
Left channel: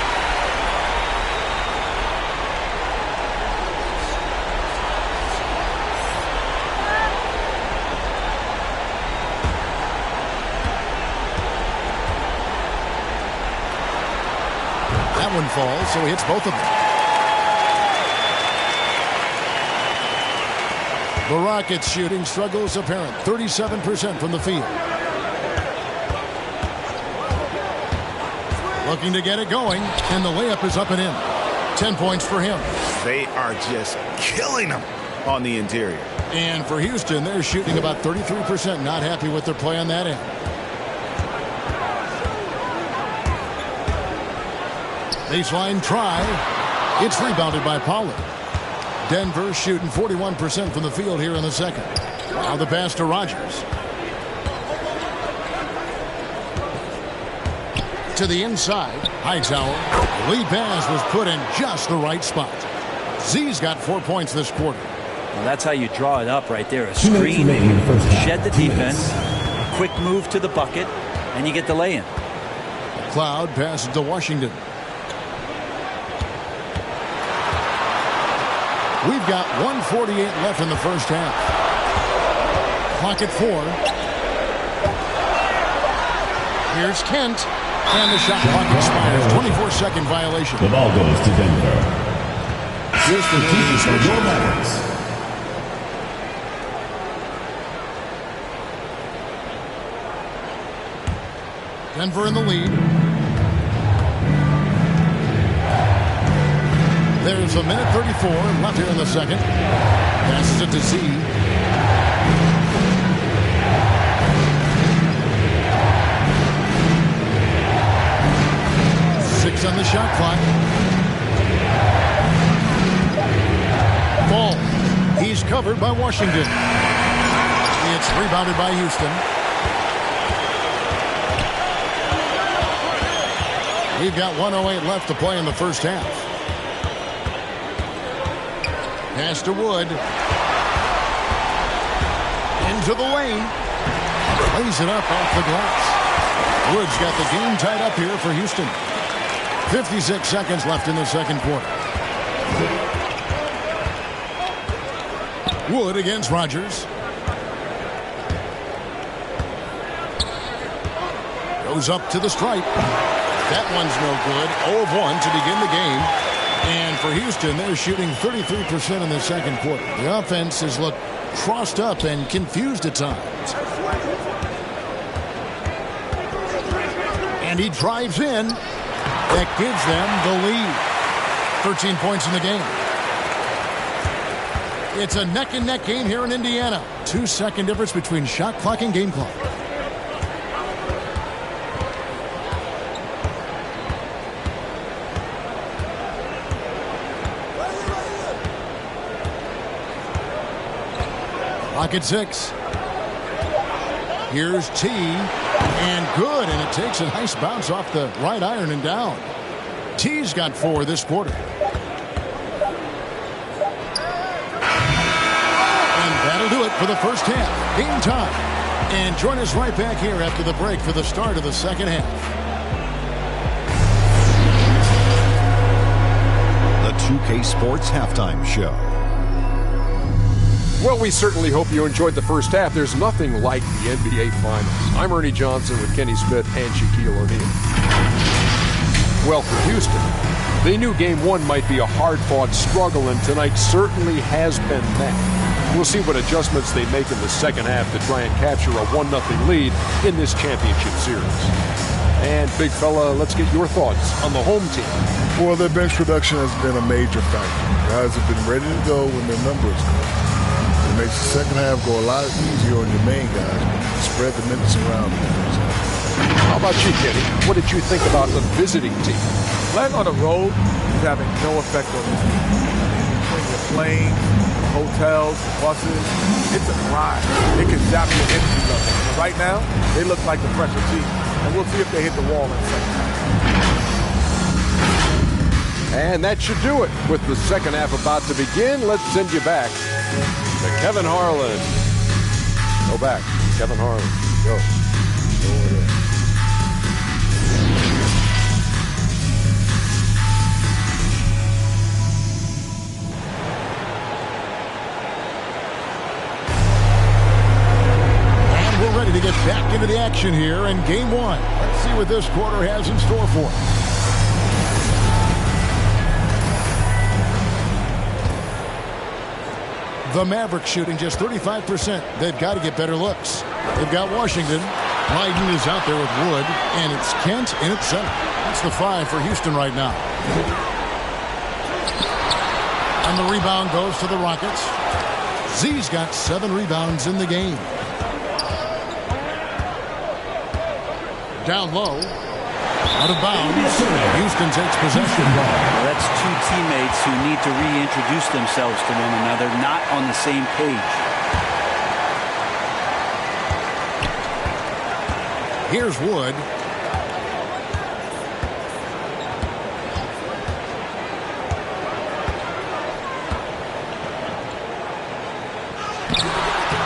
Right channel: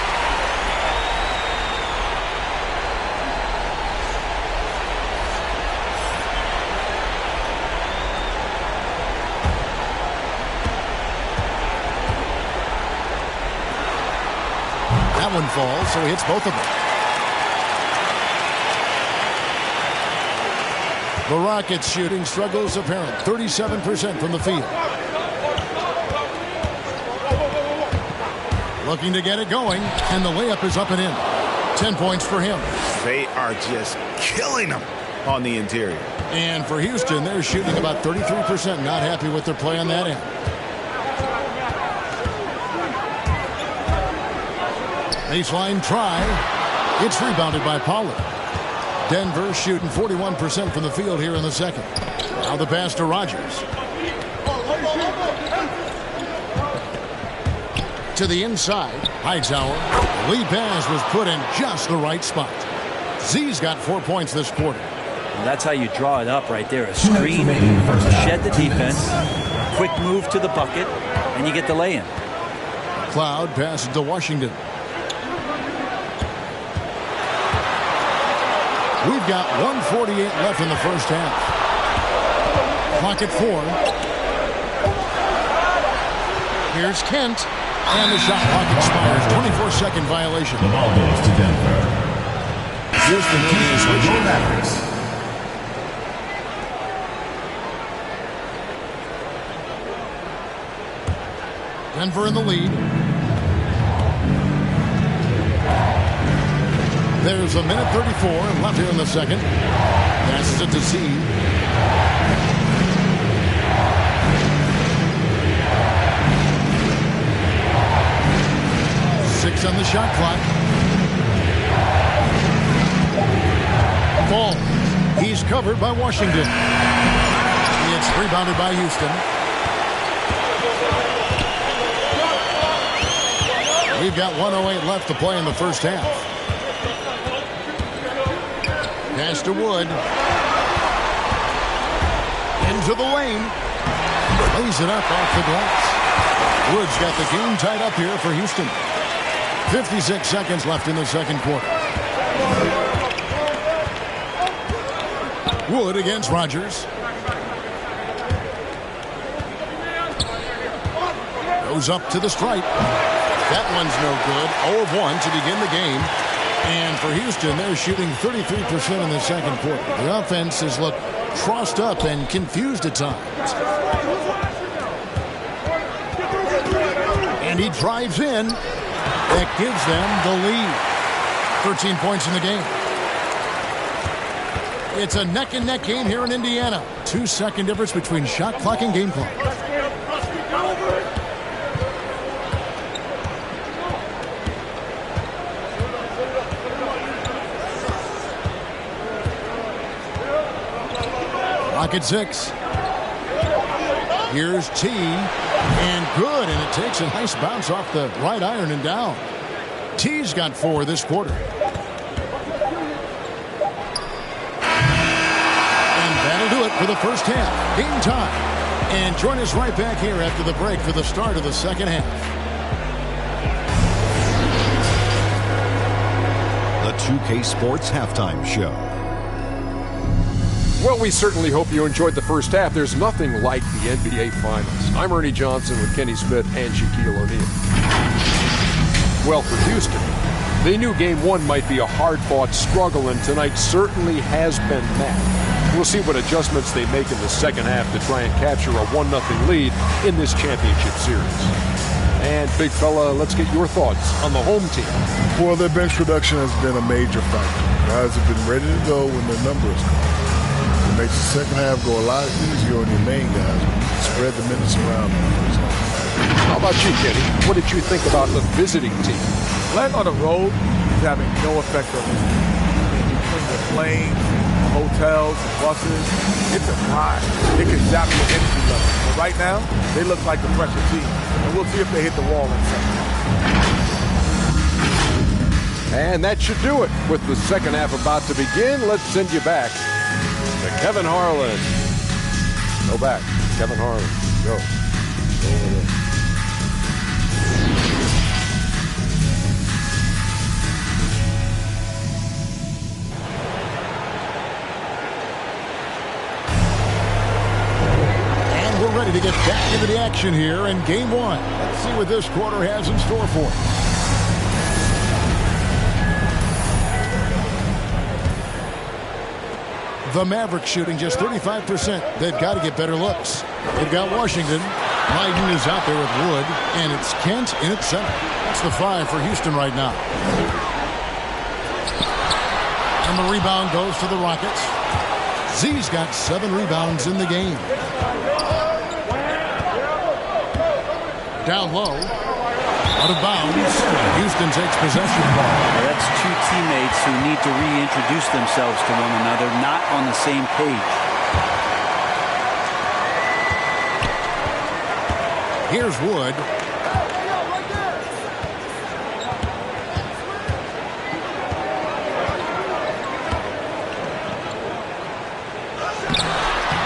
That one falls, so he hits both of them. The Rockets shooting struggles apparent. 37% from the field. Looking to get it going, and the layup is up and in. 10 points for him. They are just killing them on the interior. And for Houston, they're shooting about 33%. Not happy with their play on that end. Baseline try. It's rebounded by Pollard. Denver shooting 41% from the field here in the second. Now the pass to Rogers. To the inside. Hightower. The lead pass was put in just the right spot. Z's got 4 points this quarter. Well, that's how you draw it up right there. A screen, shed the defense, a quick move to the bucket, and you get the lay-in. Cloud passes to Washington. We've got 1:48 left in the first half. Clock at 4. Here's Kent. And the shot clock expires. 24-second violation. The ball goes to Denver. Houston keeps switching. Mavericks. Denver in the lead. There's 1:34 left here in the second. Passes it to Z. Six on the shot clock. Ball. He's covered by Washington. It's rebounded by Houston. We've got 1:08 left to play in the first half. Pass to Wood. Into the lane. Lays it up off the glass. Wood's got the game tied up here for Houston. 56 seconds left in the second quarter. Wood against Rogers. Goes up to the stripe. That one's no good. 0 of 1 to begin the game. And for Houston, they're shooting 33% in the second quarter. The offense has looked crossed up and confused at times. And he drives in. That gives them the lead. 13 points in the game. It's a neck-and-neck game here in Indiana. 2-second difference between shot clock and game clock. Clock at 6. Here's T. And good, and it takes a nice bounce off the right iron and down. T's got 4 this quarter. And that'll do it for the first half. Game time. And join us right back here after the break for the start of the second half. The 2K Sports Halftime Show. Well, we certainly hope you enjoyed the first half. There's nothing like the NBA Finals. I'm Ernie Johnson with Kenny Smith and Shaquille O'Neal. Well, for Houston, they knew Game 1 might be a hard-fought struggle, and tonight certainly has been that. We'll see what adjustments they make in the second half to try and capture a 1-0 lead in this championship series. And, big fella, let's get your thoughts on the home team. Well, their bench production has been a major factor. Guys have been ready to go when their number is called. It makes the second half go a lot easier on your main guys when you can spread the minutes around in the first half. How about you, Kenny? What did you think about the visiting team? Playing on the road is having no effect on this team. I mean, between the planes, the hotels, the buses, it's a grind. It can zap your energy level. But right now, they look like the fresher team. And we'll see if they hit the wall in the second half. And that should do it. With the second half about to begin, let's send you back to Kevin Harlan. Go back. Kevin Harlan. Go. Go over there. And we're ready to get back into the action here in Game 1. Let's see what this quarter has in store for us. The Mavericks shooting just 35%. They've got to get better looks. They've got Washington. Leiden is out there with Wood, and it's Kent in at center. That's the 5 for Houston right now. And the rebound goes to the Rockets. Z's got 7 rebounds in the game. Down low. Out of bounds. Houston takes possession. Well, that's two teammates who need to reintroduce themselves to one another, not on the same page. Here's Wood.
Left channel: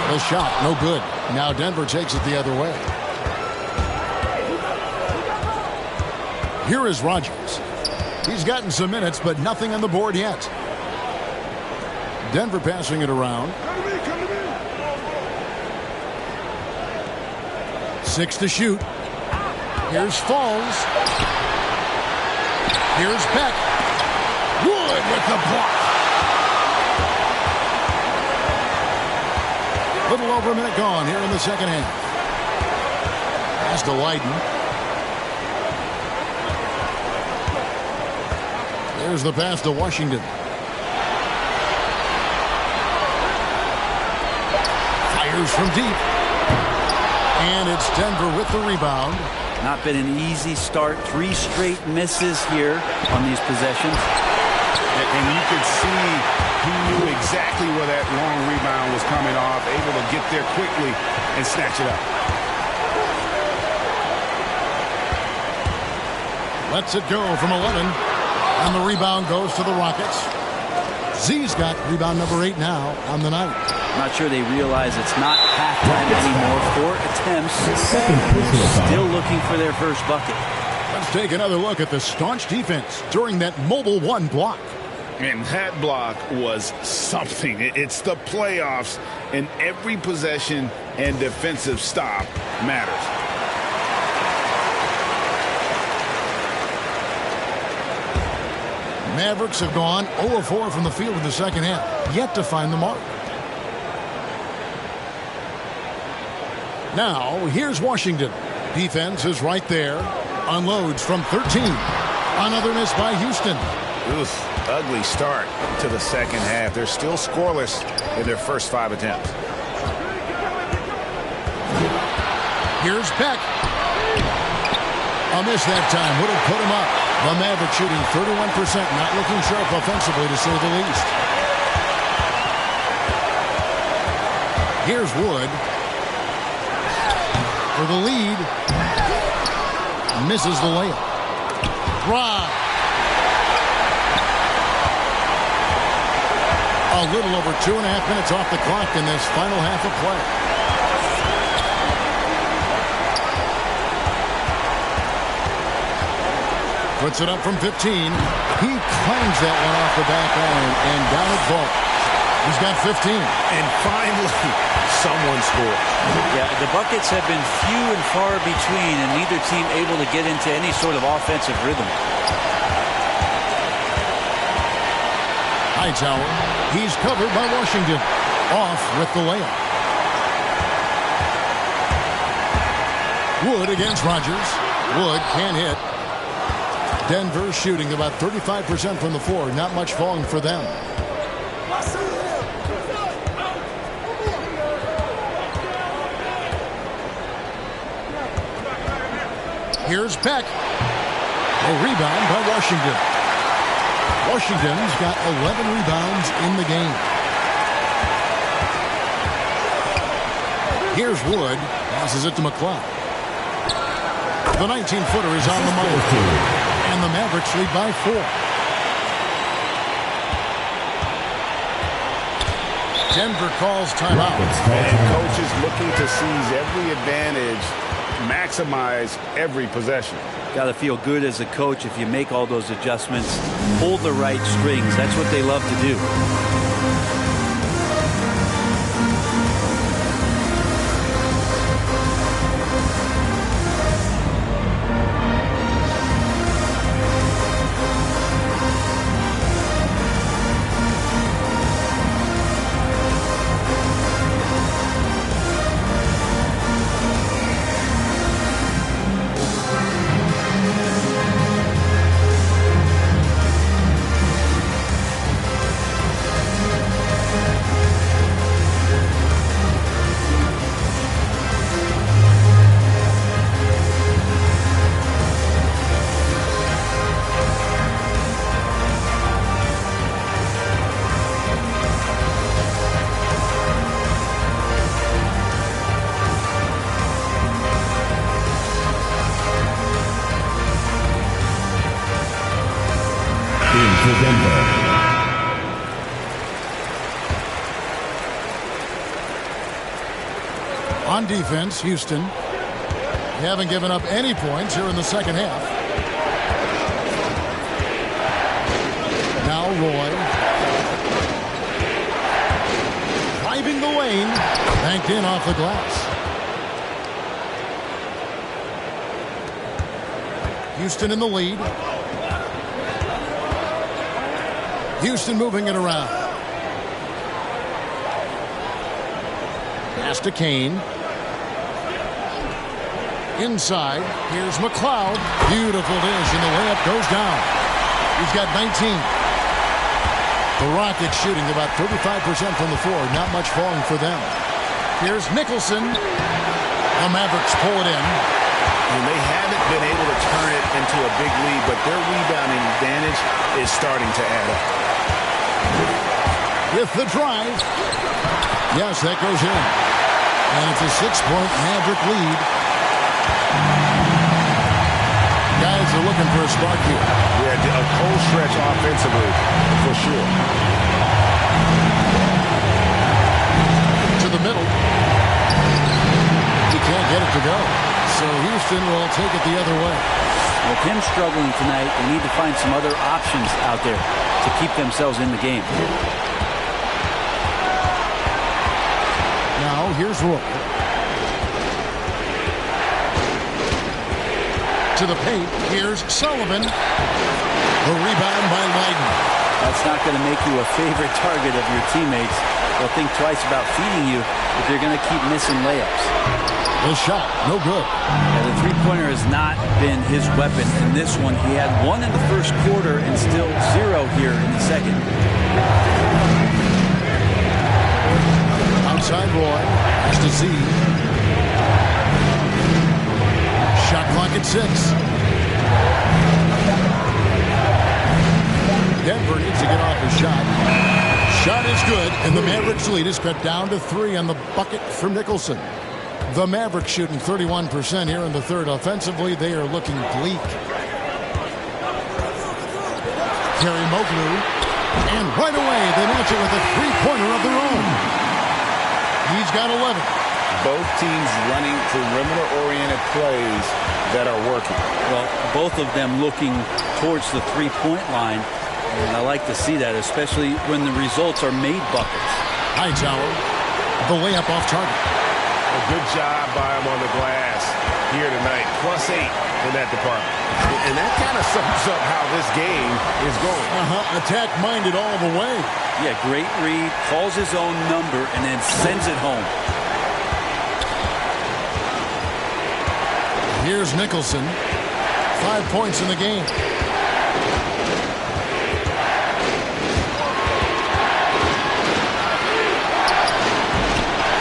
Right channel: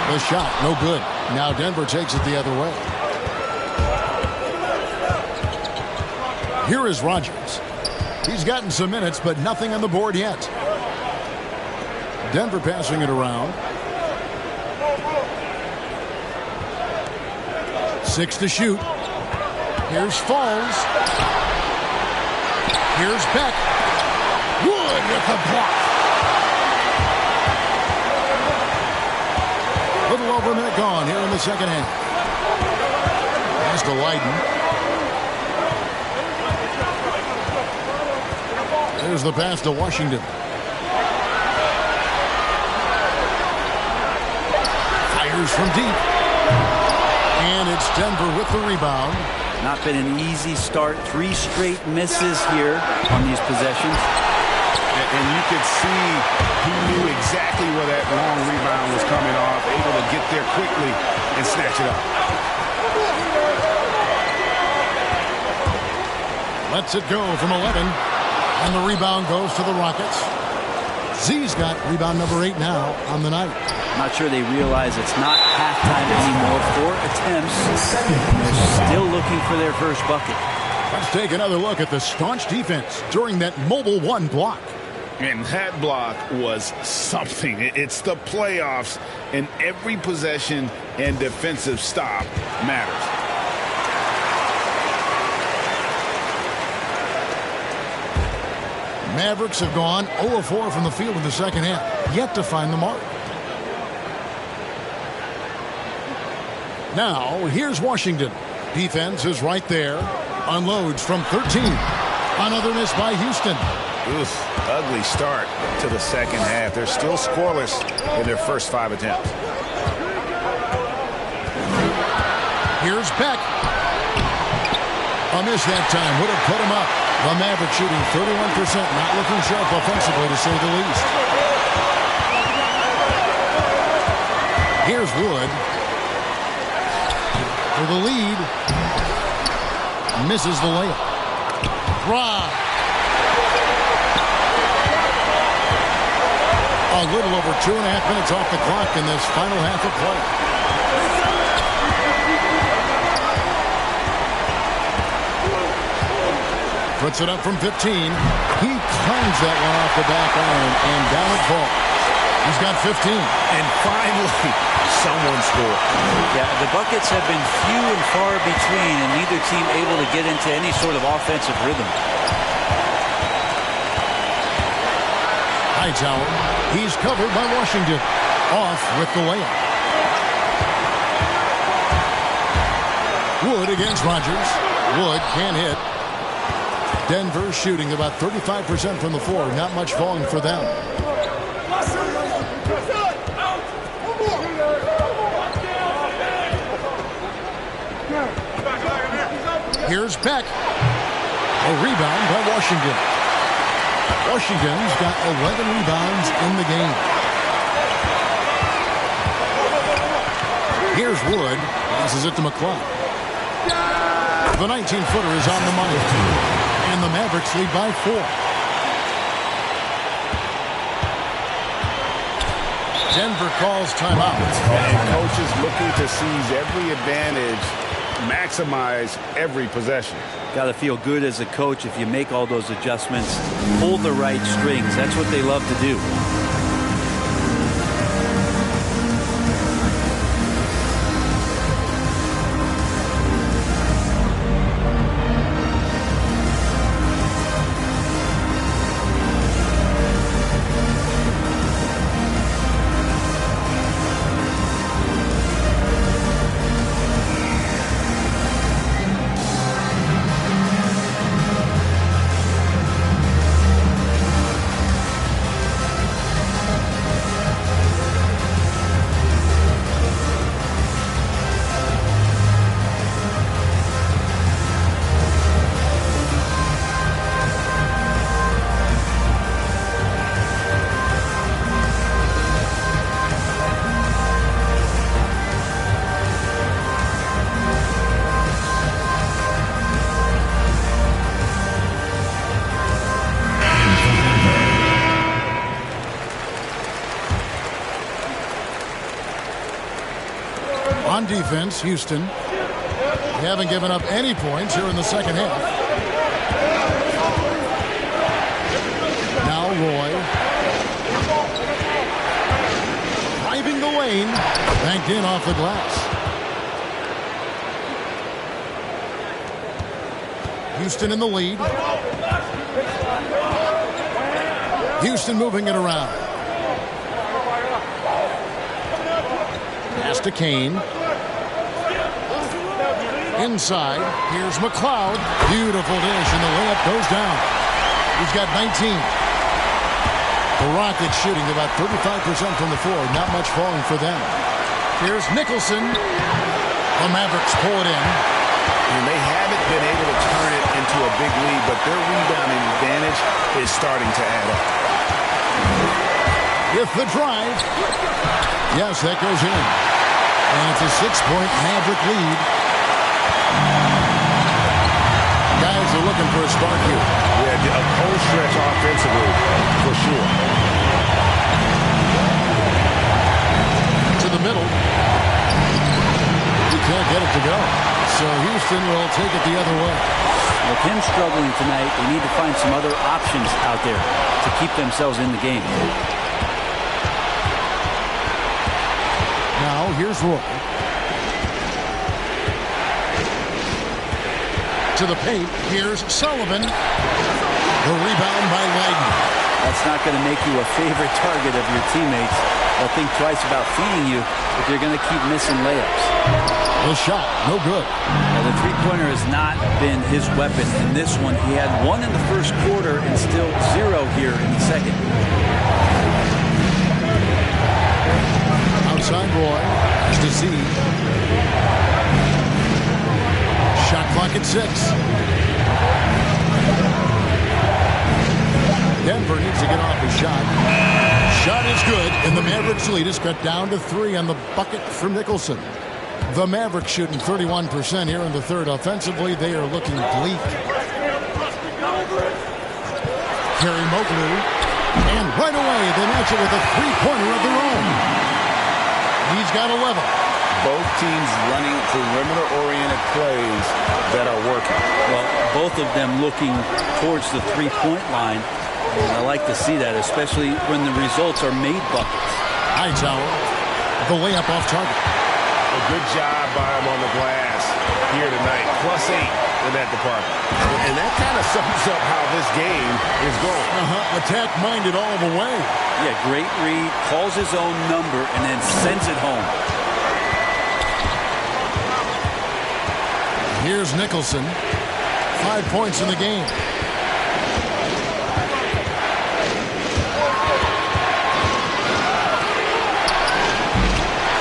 The shot, no good. Now Denver takes it the other way. Here is Rogers. He's gotten some minutes, but nothing on the board yet. Denver passing it around. 6 to shoot. Here's Falls. Here's Beck. Wood with the block. A little over a minute gone here in the second half. Pass to Leiden. There's the pass to Washington. Fires from deep. And it's Denver with the rebound. Not been an easy start. 3 straight misses here on these possessions. And you could see he knew exactly where that long rebound was coming off, able to get there quickly and snatch it up. Lets it go from 11. And the rebound goes to the Rockets. Z's got rebound number 8 now on the night. Not sure they realize it's not halftime anymore. 4 attempts. They're still looking for their first bucket. Let's take another look at the staunch defense during that mobile 1 block. And that block was something. It's the playoffs, and every possession and defensive stop matters. Mavericks have gone 0-4 from the field in the second half, yet to find the mark. Now, here's Washington. Defense is right there. Unloads from 13. Another miss by Houston. Oof, ugly start to the second half. They're still scoreless in their first 5 attempts. Here's Beck. A miss that time would have put him up. The Mavericks shooting 31%, not looking sharp offensively, to say the least. Here's Wood for the lead. Misses the layup. Rob. A little over 2.5 minutes off the clock in this final half of play. Puts it up from 15. He clangs that one off the back iron, and down it falls. He's got 15. And finally, someone scores. Yeah, the buckets have been few and far between, and neither team able to get into any sort of offensive rhythm. Hightower, he's covered by Washington. Off with the layup. Wood against Rogers. Wood can't hit. Denver shooting about 35% from the floor. Not much falling for them. Here's Beck. A rebound by Washington. Washington's got 11 rebounds in the game. Here's Wood. Passes it to McCloud. The 19-footer is on the money. And the Mavericks lead by 4. Denver calls timeout. And coach is looking to seize every advantage, maximize every possession. Got to feel good as a coach if you make all those adjustments, pull the right strings. That's what they love to do. On defense, Houston. They haven't given up any points here in the second half. Now Roy. Driving the lane. Banked in off the glass. Houston in the lead. Houston moving it around. Pass to Kane. Inside, here's McCloud. Beautiful dish, and the layup goes down. He's got 19. The Rockets shooting about 35% from the floor. Not much falling for them. Here's Nicholson. The Mavericks pull it in. And they haven't been able to turn it into a big lead, but their rebounding advantage is starting to add up. with the drive. Yes, that goes in. And it's a 6-point Maverick lead. Guys are looking for a spark here. Yeah, a cold stretch offensively, for sure. To the middle. He can't get it to go. So Houston will take it the other way. With him struggling tonight, they need to find some other options out there to keep themselves in the game. Now, here's Roy. To the paint. Here's Sullivan. The rebound by Leiden. That's not going to make you a favorite target of your teammates. They'll think twice about feeding you if you're going to keep missing layups. The shot, no good. Yeah, the three-pointer has not been his weapon in this one. He had one in the first quarter and still 0 here in the second. Outside Roy has to Z. Shot clock at 6. Denver needs to get off his shot. Shot is good, and the Mavericks lead is cut down to 3 on the bucket from Nicholson. The Mavericks shooting 31% here in the third. Offensively, they are looking bleak. Kerry Moglu, and right away they match it with a three-pointer of their own. He's got 11. Both teams running perimeter-oriented plays that are working. Well, both of them looking towards the three-point line, and I like to see that, especially when the results are made buckets. Hightower, the layup off target. A good job by him on the glass here tonight. +8 in that department. And that kind of sums up how this game is going. Attack-minded all the way. Yeah, great read, calls his own number, and then sends it home. Here's Nicholson. 5 points in the game.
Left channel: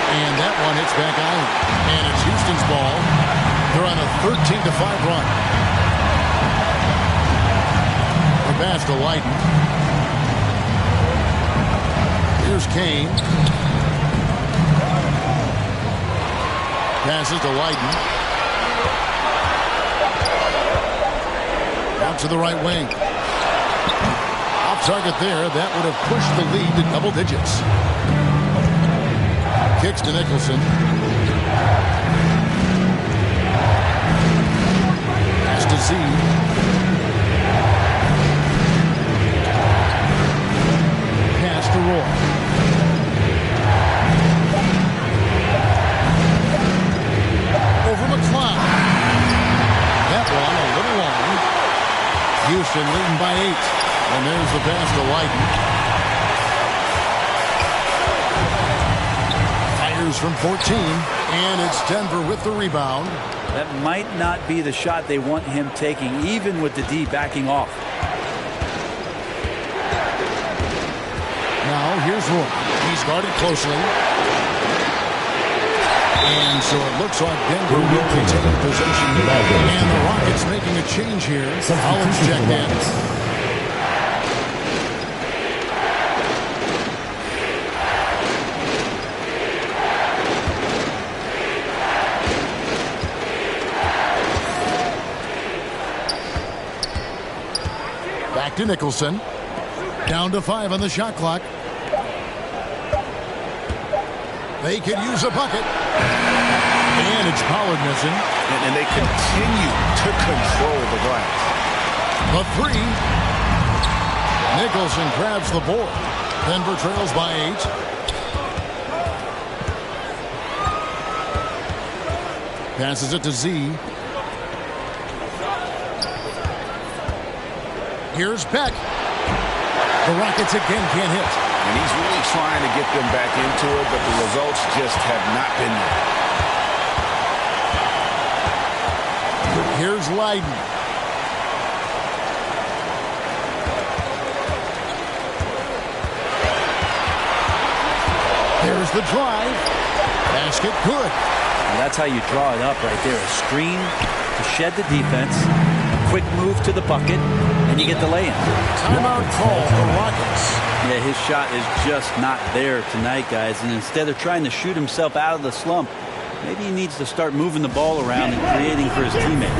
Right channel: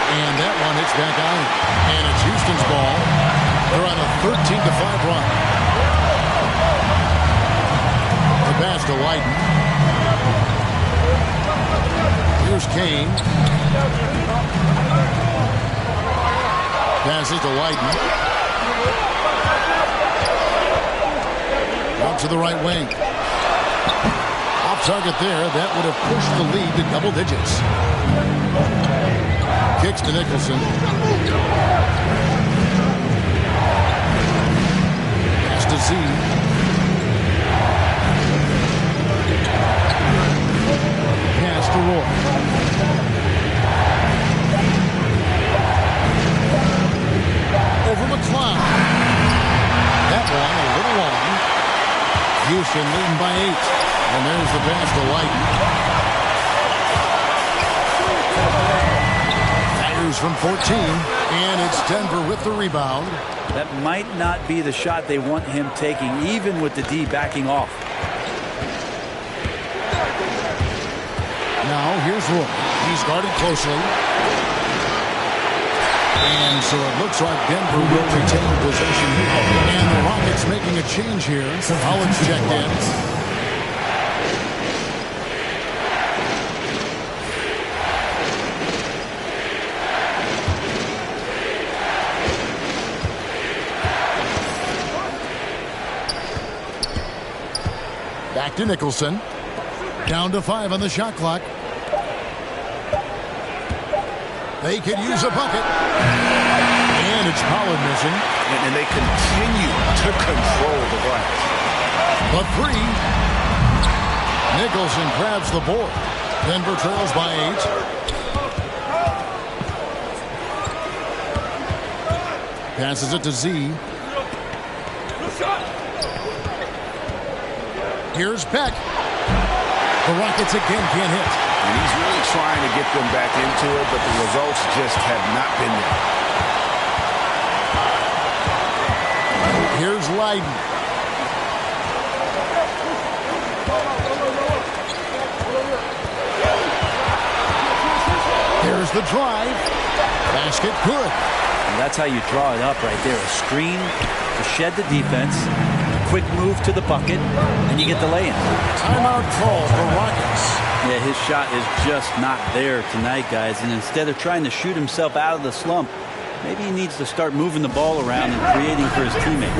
And that one hits back out. And it's Houston's ball. They're on a 13-5 run. The pass to Leiden. Here's Kane. Passes to Leiden. Out to the right wing. Off target there. That would have pushed the lead to double digits. Kicks to Nicholson. Pass to Z. Pass to Roy. Over McCloud. That one a little long. Houston leading by 8. And there's the pass to Leiden. From 14, and it's Denver with the rebound. That might not be the shot they want him taking, even with the D backing off. Now here's Roy. He's guarded closely. And so it looks like Denver will retain possession here. And the Rockets making a change here. Holland's checked in. Back to Nicholson. Down to 5 on the shot clock. They could use a bucket. And it's Pollard missing. And they continue to control the glass. The 3. Nicholson grabs the board. Denver trails by 8. Passes it to Z. Here's Peck. The Rockets again can't hit. And he's really trying to get them back into it, but the results just have not been there. Here's Leiden. There's the drive. Basket good. And that's how you draw it up right there. A screen to shed the defense. quick move to the bucket, and you get the lay-in. Timeout call for Rockets. Yeah, his shot is just not there tonight, guys. And instead of trying to shoot himself out of the slump, maybe he needs to start moving the ball around and creating for his teammates.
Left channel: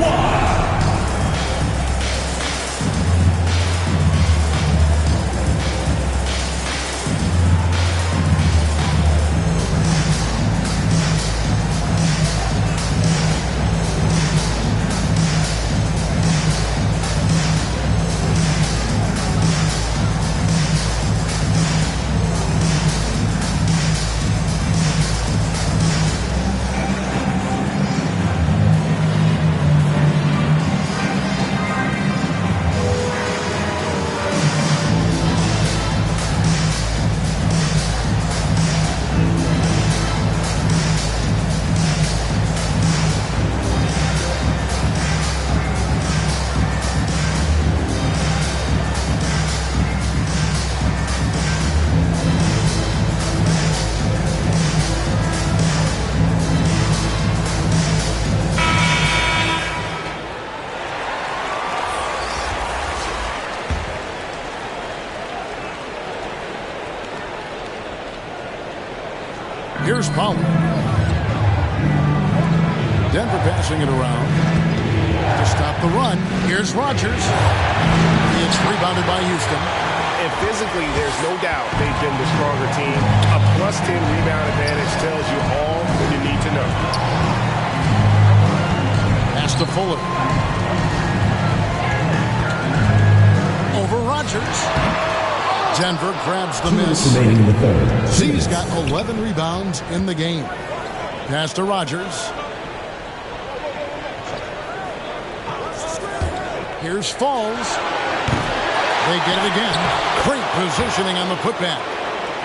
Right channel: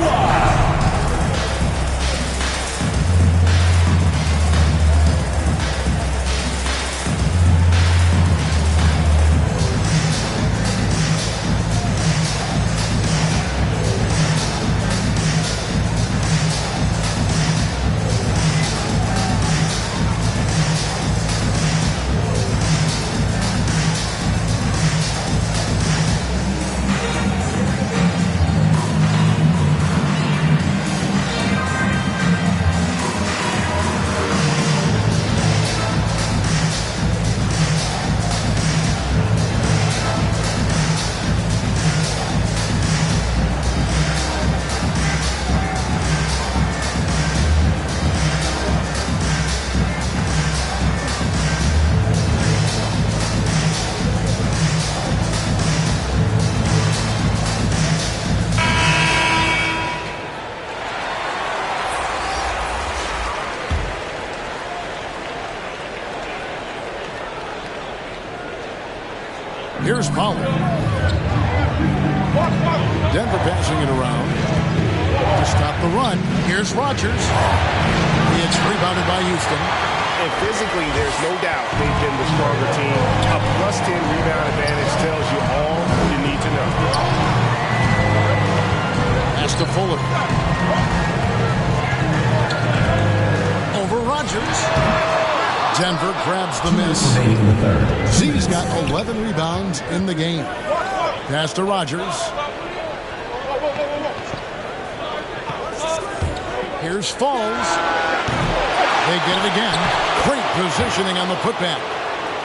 Here's Pollard. Denver passing it around to stop the run. Here's Rogers. It's rebounded by Houston. And physically, there's no doubt they've been the stronger team. A +10 rebound advantage tells you all you need to know. Pass to Fuller. Over Rogers. Denver grabs the miss. Remaining in the third. Z's got 11 rebounds in the game. Pass to Rogers. Here's Falls. They get it again. Great positioning on the putback.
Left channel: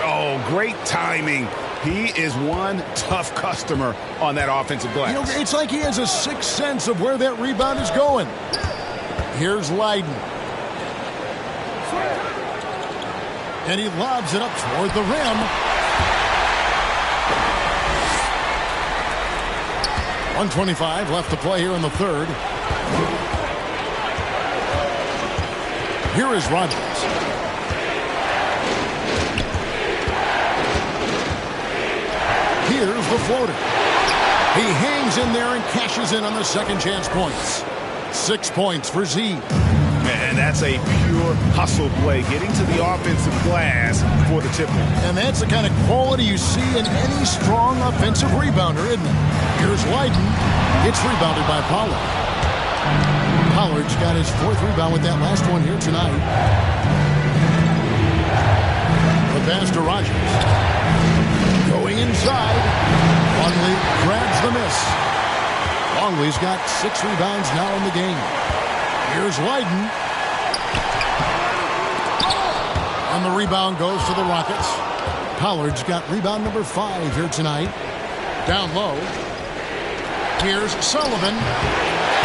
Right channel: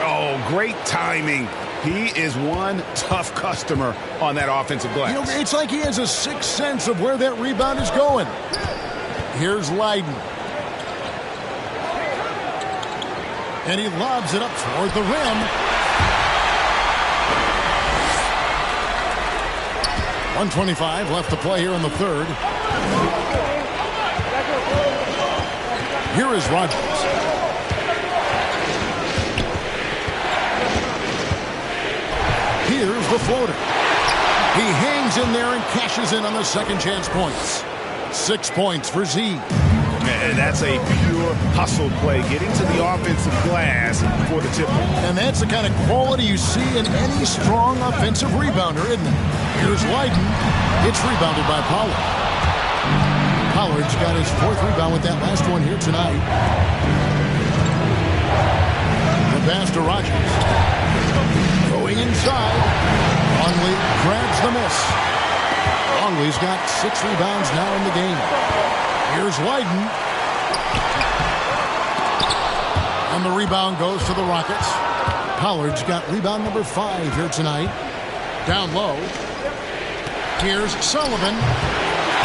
Oh, great timing. He is one tough customer on that offensive glass. You know, it's like he has a sixth sense of where that rebound is going. Here's Leiden. And he lobs it up toward the rim. .125 left to play here in the third. Here is Rogers. Here's the floater. He hangs in there and cashes in on the second chance points. 6 points for Z. And that's a pure hustle play, getting to the offensive glass for the tipper. And that's the kind of quality you see in any strong offensive rebounder, isn't it? Here's Leiden. It's rebounded by Pollard. Pollard's got his 4th rebound with that last one here tonight. The pass to Rogers. Going inside. Longley grabs the miss. Longley's got 6 rebounds now in the game. Here's Leiden. And the rebound goes to the Rockets. Pollard's got rebound number 5 here tonight. Down low. Here's Sullivan.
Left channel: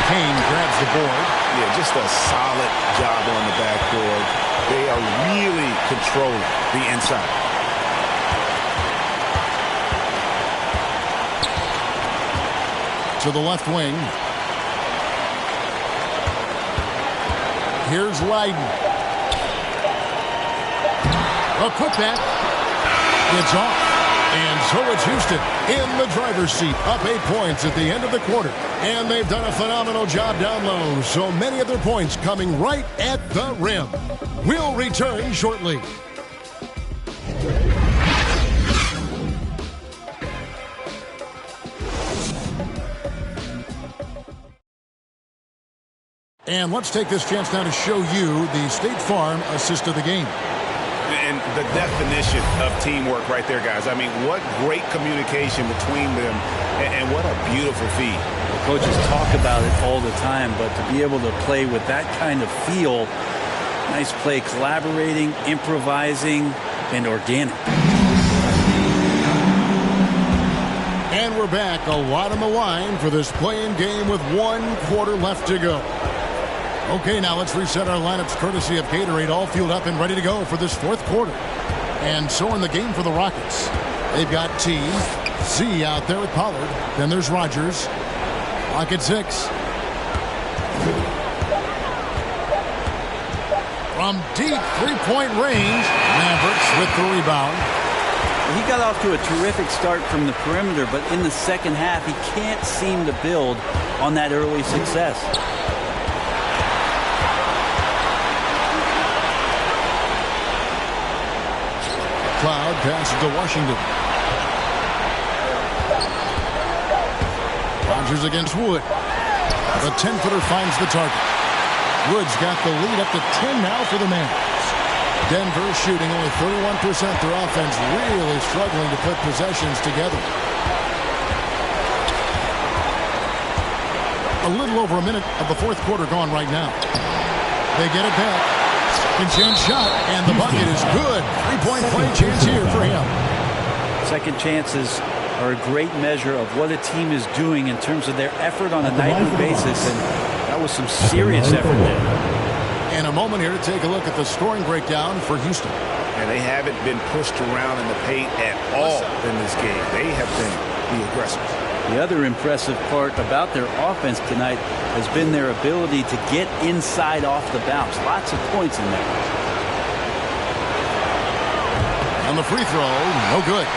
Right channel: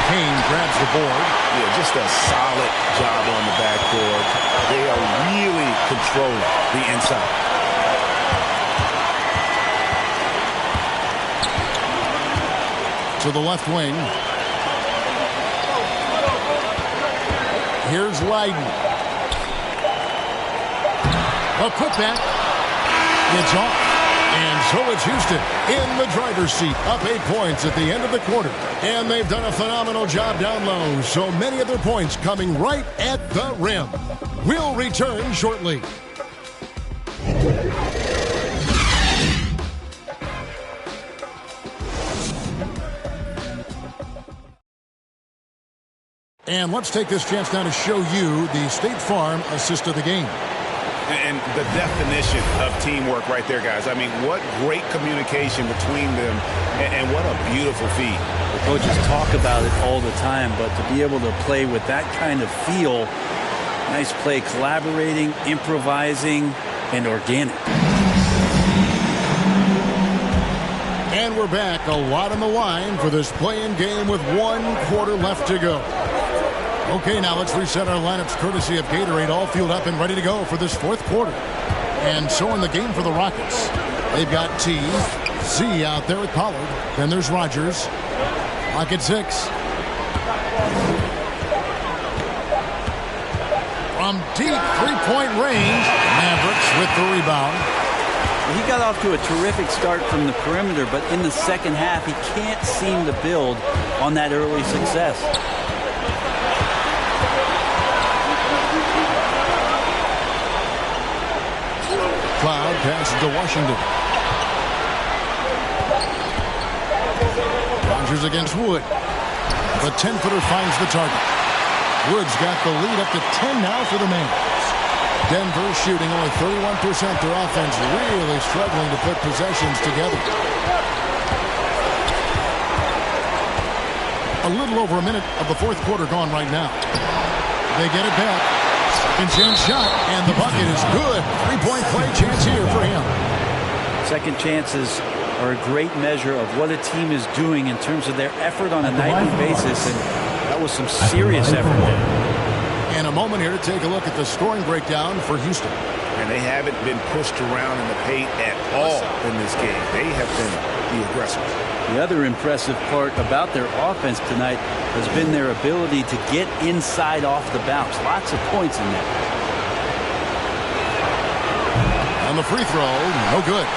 Kane grabs the board. Yeah, just a solid job on the backboard. They are really controlling the inside. To the left wing. Here's Leiden. A putback. It's off. And so it's Houston in the driver's seat, up 8 points at the end of the quarter. And they've done a phenomenal job down low, so many of their points coming right at the rim. We'll return shortly. And let's take this chance now to show you the State Farm assist of the game. And the definition of teamwork right there, guys. I mean, what great communication between them, and what a beautiful feed. Well, coaches talk about it all the time, but to be able to play with that kind of feel, nice play, collaborating, improvising, and organic. And we're back. A lot on the line for this play-in game with 1 quarter left to go. Okay, now let's reset our lineups courtesy of Gatorade, all fueled up and ready to go for this 4th quarter. And so in the game for the Rockets, they've got T, Z out there with Pollard. Then there's Rogers. Clock at 6. From deep three-point range, Mavericks with the rebound. Well, he got off to a terrific start from the perimeter, but in the second half, he can't seem to build on that early success. Cloud passes to Washington. Rogers against Wood. The 10-footer finds the target. Wood's got the lead up to 10 now for the Mavericks. Denver shooting only 31%. Their offense really struggling to put possessions together. A little over a minute of the fourth quarter gone right now. They get it back. Second chance shot, and the bucket is good. Three-point play chance here for him. Second chances are a great measure of what a team is doing in terms of their effort on a nightly basis, and that was some serious effort there. And a moment here to take a look at the scoring breakdown for Houston. And they haven't been pushed around in the paint at all in this game. They have been the aggressors. The other impressive part about their offense tonight has been their ability to get inside off the bounce. Lots of points in there. On the free throw, no good.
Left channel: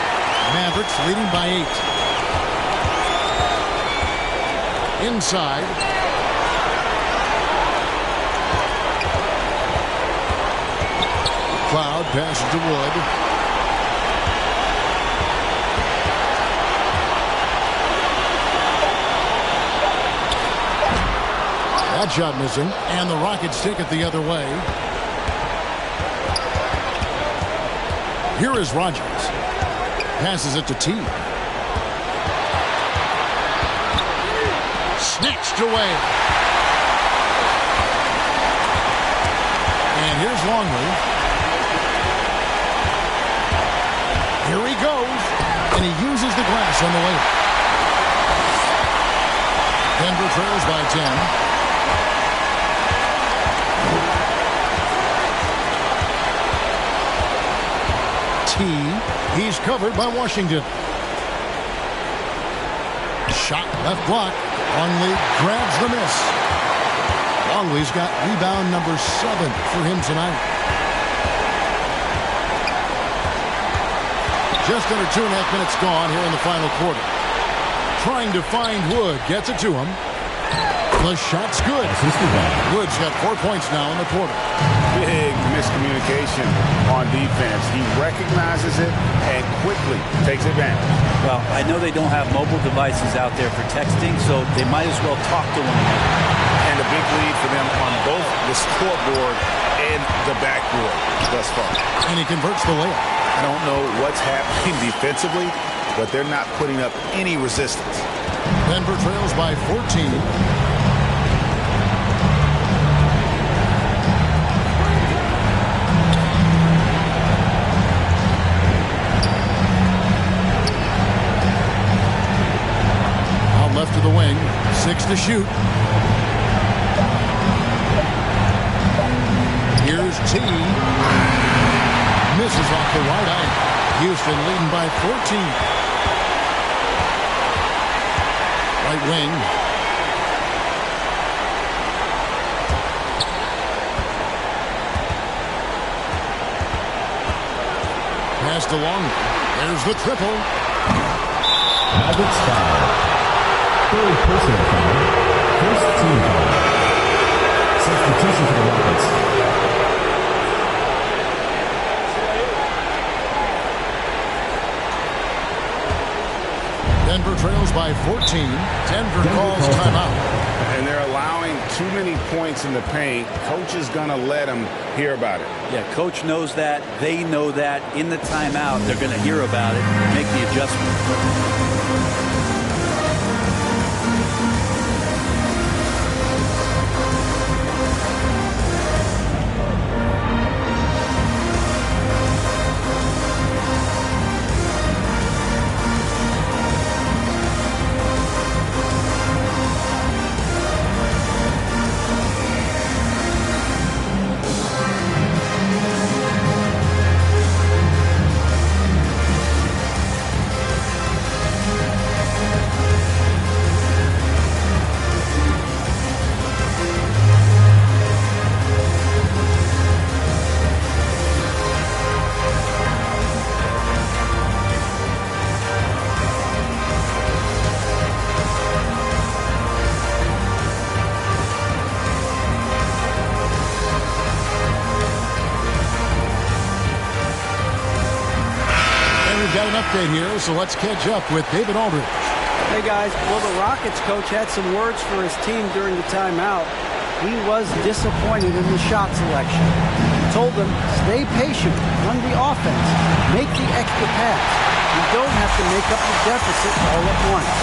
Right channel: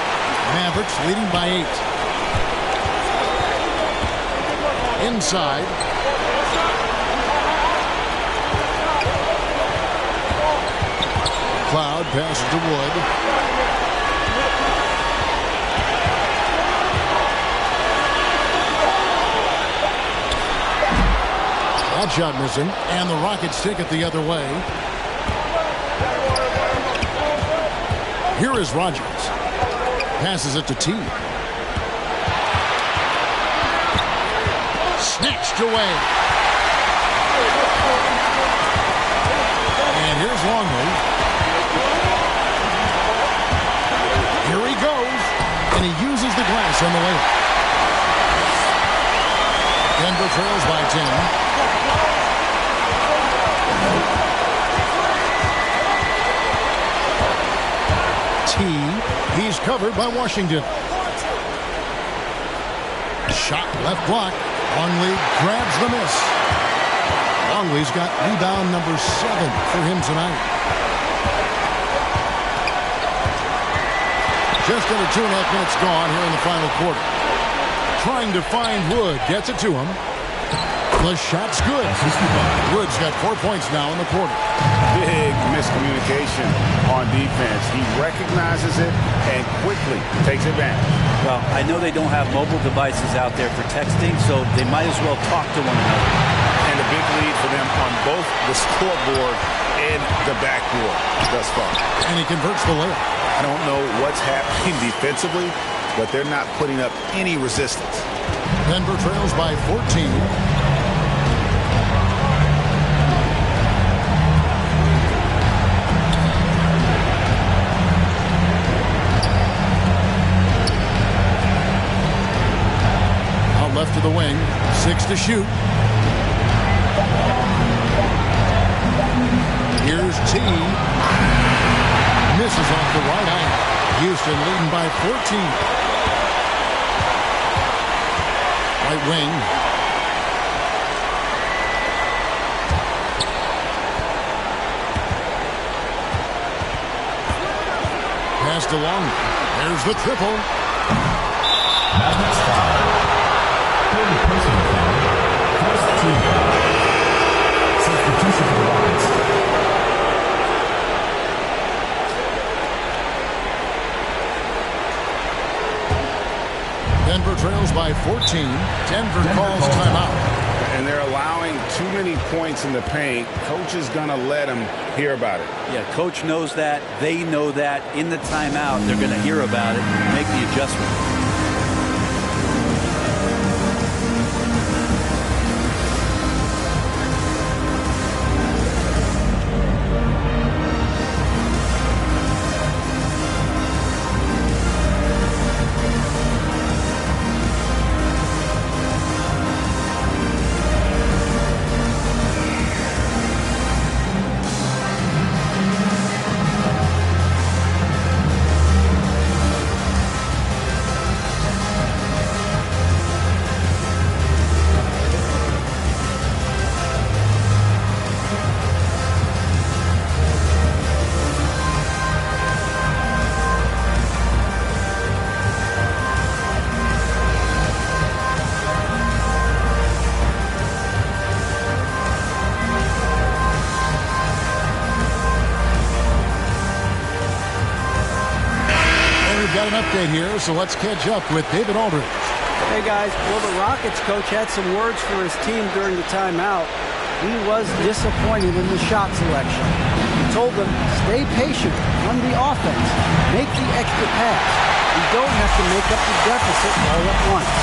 Mavericks leading by 8. Inside. Cloud passes to Wood. That shot missing, and the Rockets take it the other way. Here is Rogers. Passes it to T. Snatched away. And here's Longley. Here he goes, and he uses the glass on the layup. Denver trails by 10. T. He's covered by Washington. Shot left block. Longley grabs the miss. Longley's got rebound number 7 for him tonight. Just under 2.5 minutes gone here in the final quarter. Trying to find Wood. Gets it to him. The shot's good. Wood's got 4 points now in the quarter. Big miscommunication on defense. He recognizes it and quickly takes advantage. Well, I know they don't have mobile devices out there for texting, so they might as well talk to one another. And a big lead for them on both the scoreboard and the backboard thus far. And he converts the layup. I don't know what's happening defensively, but they're not putting up any resistance. Denver trails by 14. Out left to the wing. 6 to shoot. Here's T. Misses off the right iron. Houston leading by 14. Right wing. Passed along. There's the triple. Mavericks foul. Third personal foul. First team foul. Substitution for the Rockets. Denver trails by 14. Denver calls timeout. And they're allowing too many points in the paint. Coach is going to let them hear about it. Yeah, coach knows that. They know that. In the timeout, they're going to hear about it, make the adjustment. we've got an update here, so let's catch up with David Aldridge. Hey, guys. Well, the Rockets coach had some words for his team during the timeout. He was disappointed in the shot selection. He told them, stay patient, run the offense, make the extra pass. You don't have to make up the deficit all at once.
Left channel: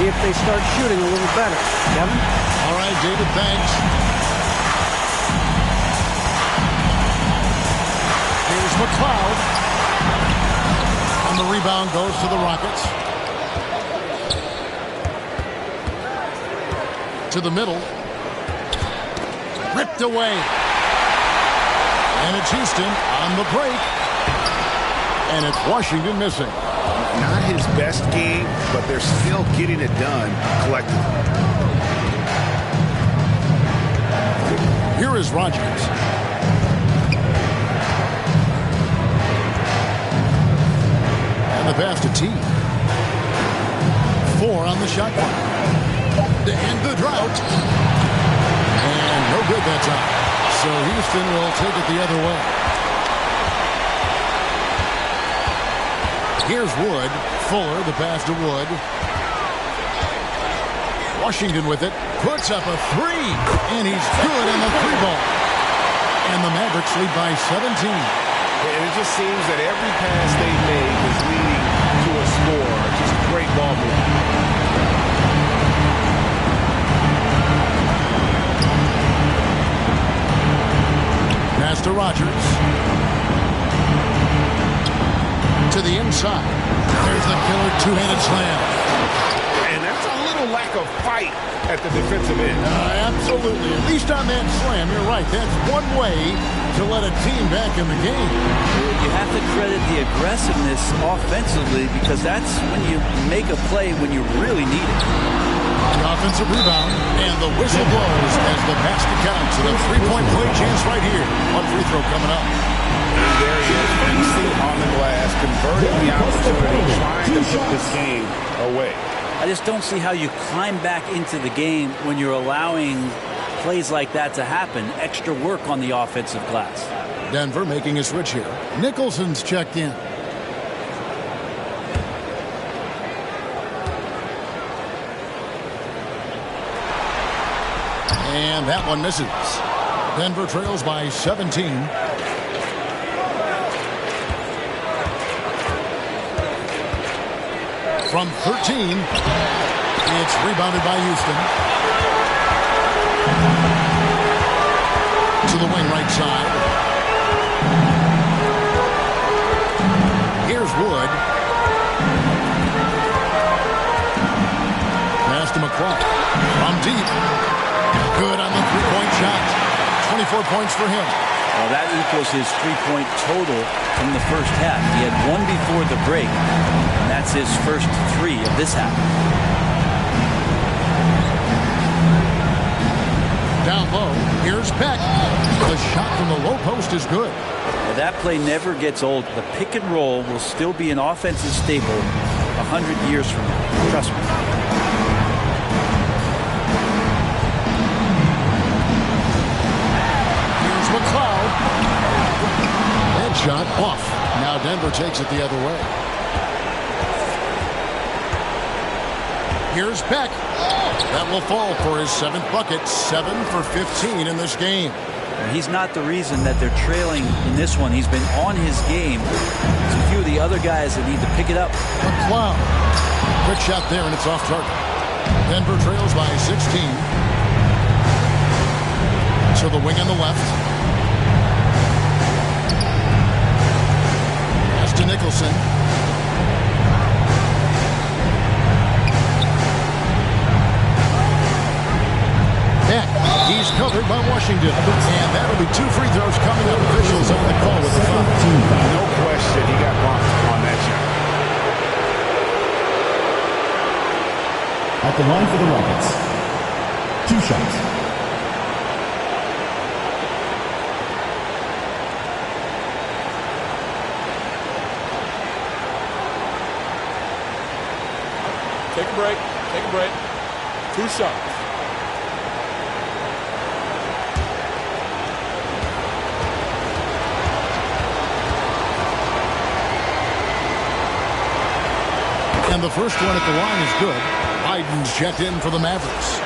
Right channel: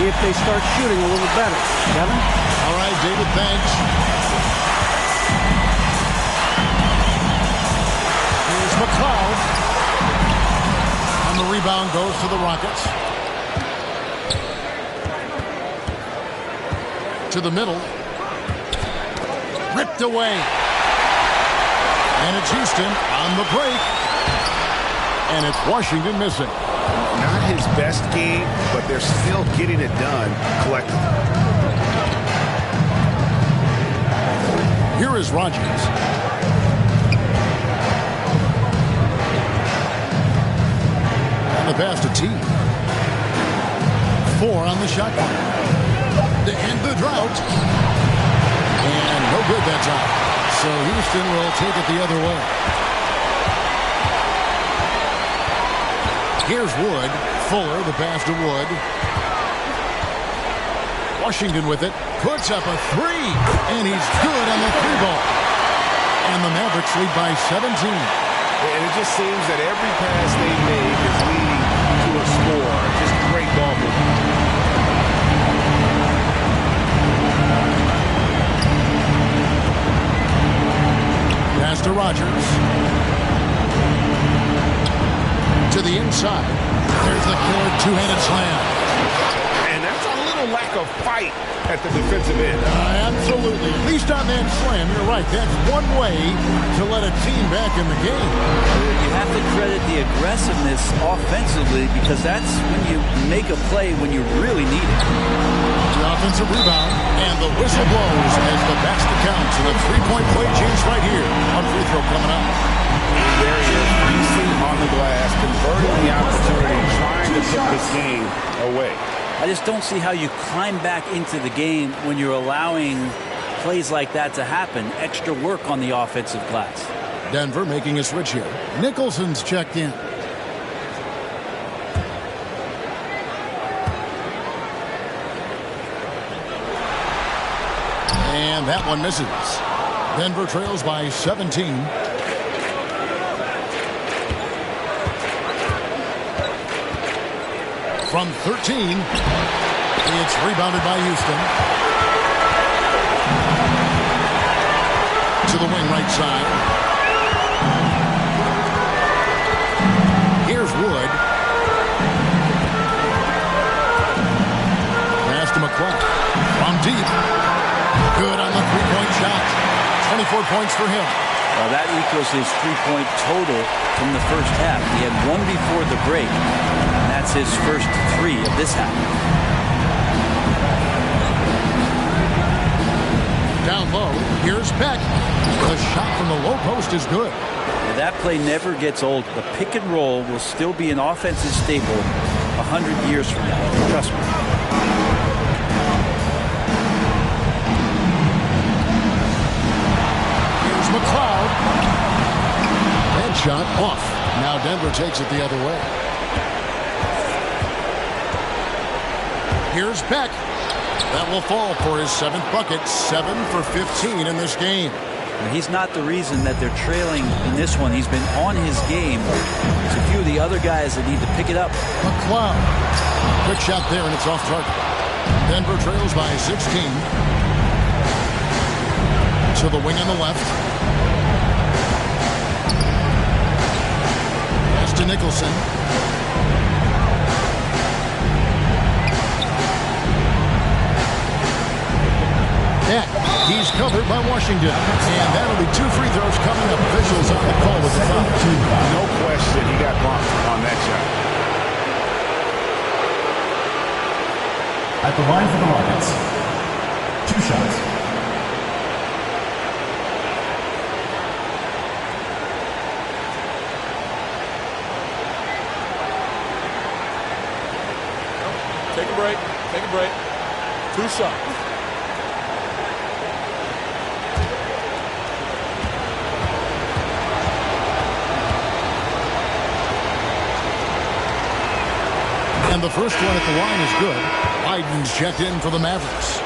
See if they start shooting a little better. Kevin? All right, David, thanks. Here's McLeod. And the rebound goes to the Rockets. To the middle. Ripped away. And it's Houston on the break. And it's Washington missing. Not his best game, but they're still getting it done collectively. Here is Rogers. And the pass to T. 4 on the shot clock. To end the drought. And no good that time. So Houston will take it the other way. Here's Wood. Fuller, the pass to Wood. Washington with it. Puts up a 3. And he's good on the 3-ball. And the Mavericks lead by 17. And it just seems that every pass they make is leading to a score. Just great ball movement. Pass to Rogers. To the inside. There's the killer two-handed slam. And that's a little lack of fight at the defensive end. Absolutely. At least on that slam, you're right. That's one way to let a team back in the game. You have to credit the aggressiveness offensively because that's when you make a play when you really need it. The offensive rebound, and the whistle blows as the basket counts, and a three-point play chance right here. One free throw coming up. There he is, feasting on the glass, converting the opportunity, trying to put this game away. I just don't see how you climb back into the game when you're allowing plays like that to happen. Extra work on the offensive glass. Denver making a switch here. Nicholson's checked in. And that one misses. Denver trails by 17. From 13, it's rebounded by Houston. To the wing right side. Here's Wood. Pass to McLeod. From deep. Good on the three-point shot. 24 points for him. Well, that equals his three-point total from the first half. He had one before the break, and that's his first 3 of this half. Down low, here's Peck. The shot from the low post is good. Now, that play never gets old. The pick and roll will still be an offensive staple 100 years from now. Trust me. McLeod. That shot off. Now Denver takes it the other way. Here's Beck. That will fall for his 7th bucket. 7 for 15 in this game. He's not the reason that they're trailing in this one. He's been on his game. There's a few of the other guys that need to pick it up. McLeod. Quick shot there, and it's off target. Denver trails by 16. To the wing on the left. Pass to Nicholson. Beck. He's covered by Washington. And that'll be 2 free throws coming up. Officials on the call with the foul. No question, he got bumped on that shot. At the line for the Rockets, 2 shots. Take a break. Take a break. 2 shots. And the first one at the line is good. Biden's checked in for the Mavericks.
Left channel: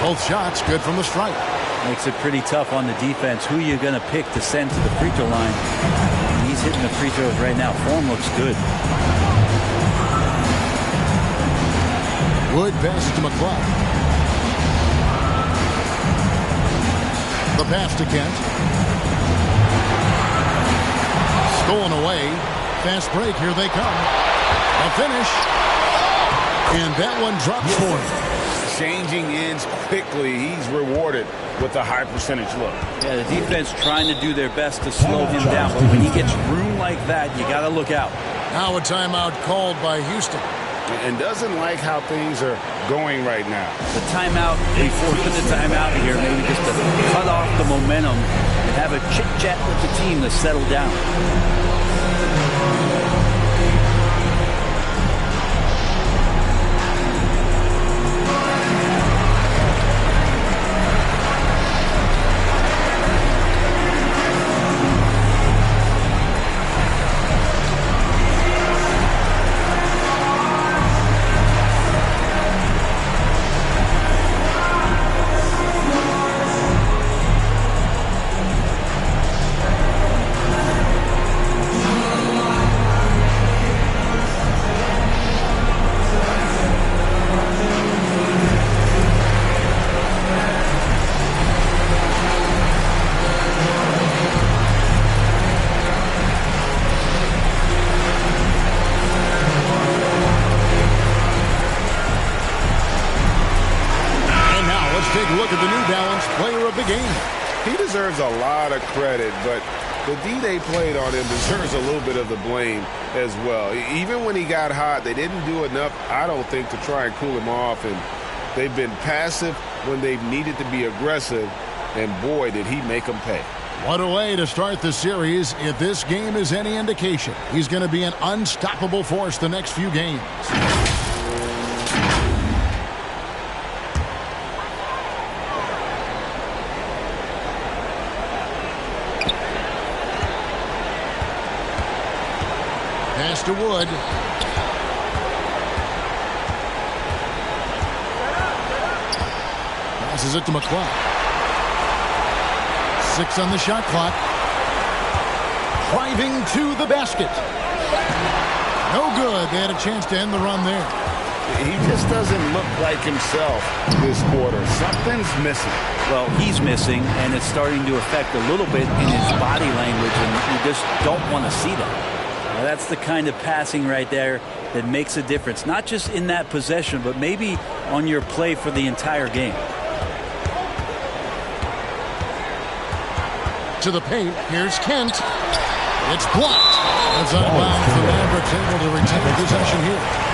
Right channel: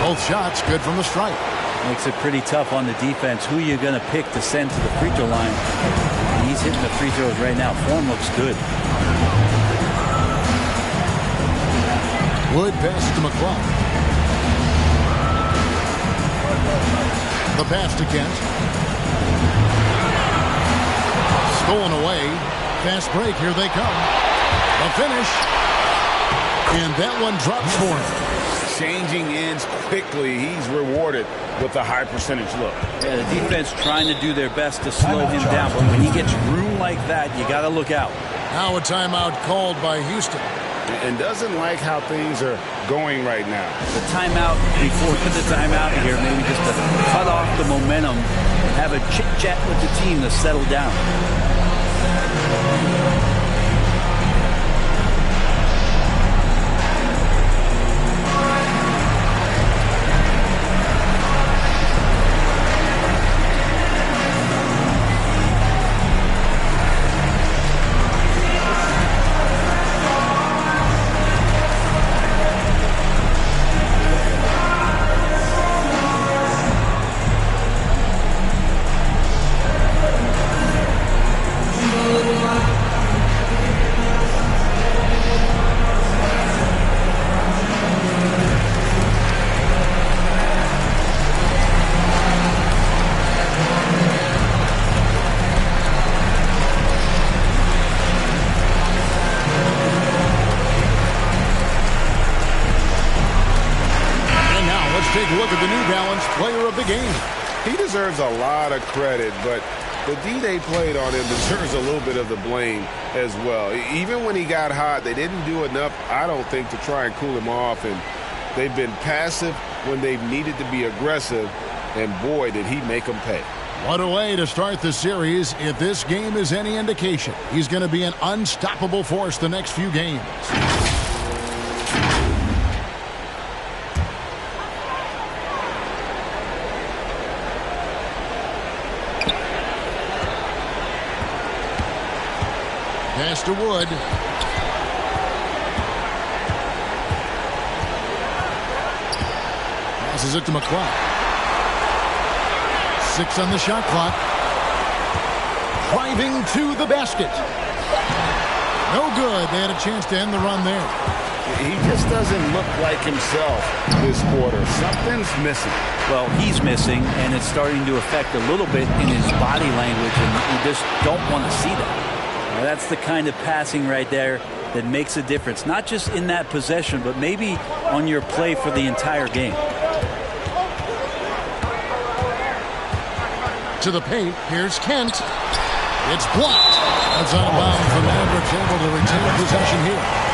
Both shots good from the stripe. Makes it pretty tough on the defense. Who you going to pick to send to the free throw line? And he's hitting the free throws right now. Form looks good. Wood passes to McCloud. The pass to Kent. Stolen away. Fast break. Here they come. The finish. And that one drops for him. Changing ends quickly. He's rewarded with a high percentage look. Yeah, the defense trying to do their best to slow him down. But when he gets room like that, you got to look out. Now a timeout called by Houston. And doesn't like how things are going right now. The timeout before the timeout here, maybe just to cut off the momentum and have a chit-chat with the team to settle down. Take a look at the New Balance player of the game. He deserves a lot of credit, but the D they played on him deserves a little bit of the blame as well. Even when he got hot, they didn't do enough, I don't think, to try and cool him off. And they've been passive when they've needed to be aggressive. And boy, did he make them pay. What a way to start the series. If this game is any indication, he's going to be an unstoppable force the next few games. Pass to Wood. Passes it to McCloud. 6 on the shot clock. Driving to the basket. No good. They had a chance to end the run there. He just doesn't look like himself this quarter. Something's missing. Well, he's missing, and it's starting to affect a little bit in his body language, and you just don't want to see that. Now, that's the kind of passing right there that makes a difference, not just in that possession, but maybe on your play for the entire game. To the paint, here's Kent. It's blocked. That's out of bounds. The Mavericks able to retain possession here.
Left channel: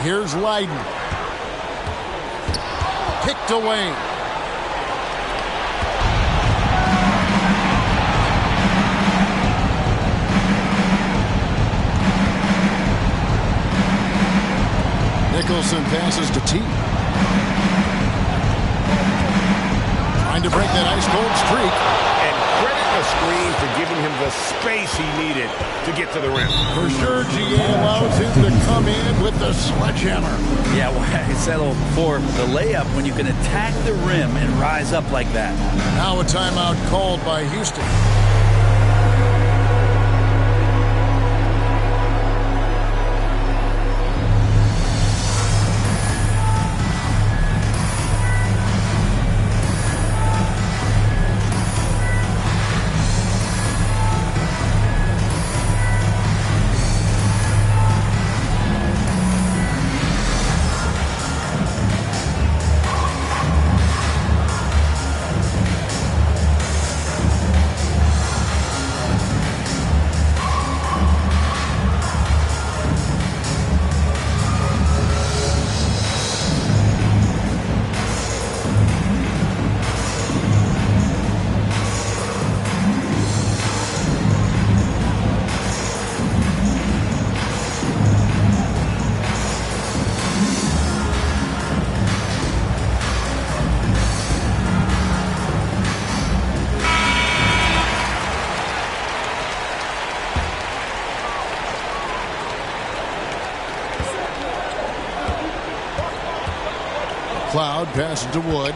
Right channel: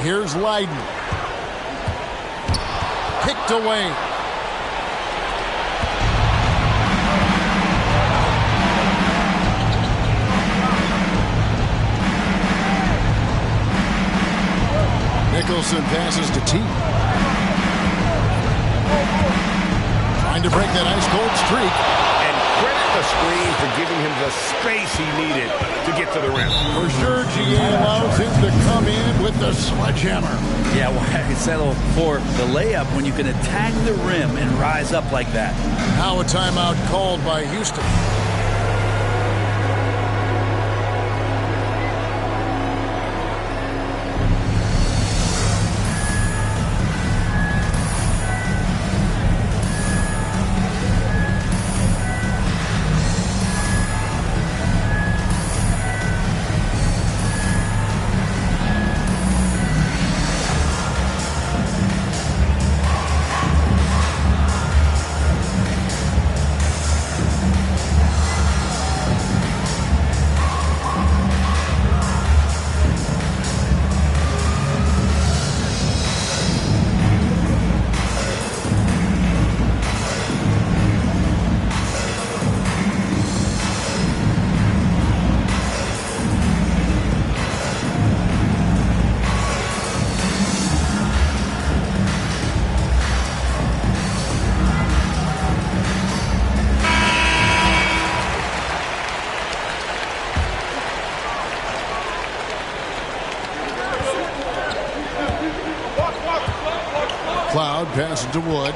Here's Leiden. Picked away. Nicholson passes to T. Trying to break that ice-cold streak. And credit the screen for giving him the space he needed to get to the rim. For sure, GA allows him to come in with the sledgehammer. Yeah, why settle for the layup when you can attack the rim and rise up like that? Now a timeout called by Houston. McLeod passes to Wood.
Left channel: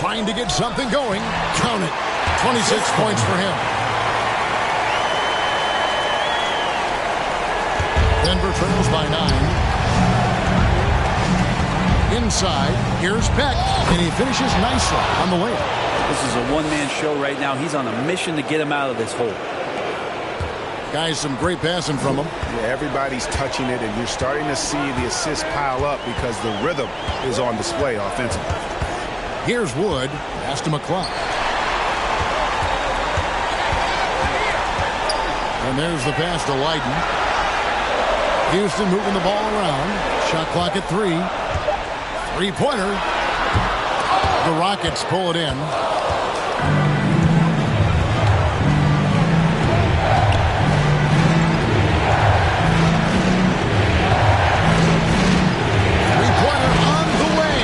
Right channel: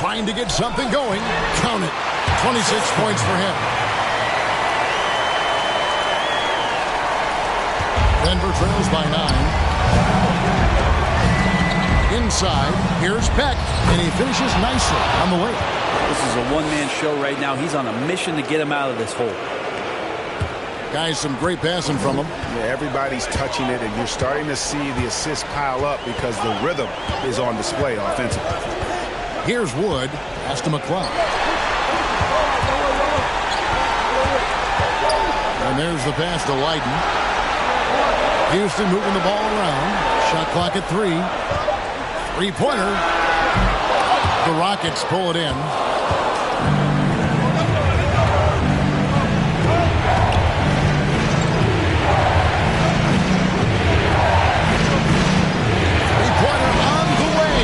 Trying to get something going. Count it. 26 points for him. Denver trails by 9. Inside, here's Peck, and he finishes nicely on the layup. This is a one-man show right now. He's on a mission to get him out of this hole. Guys, some great passing from him. Yeah, everybody's touching it, and you're starting to see the assists pile up because the rhythm is on display offensively. Here's Wood, pass to McLeod. And there's the pass to Leiden. Houston moving the ball around. Shot clock at 3. Three-pointer. The Rockets pull it in. Three-pointer on the way.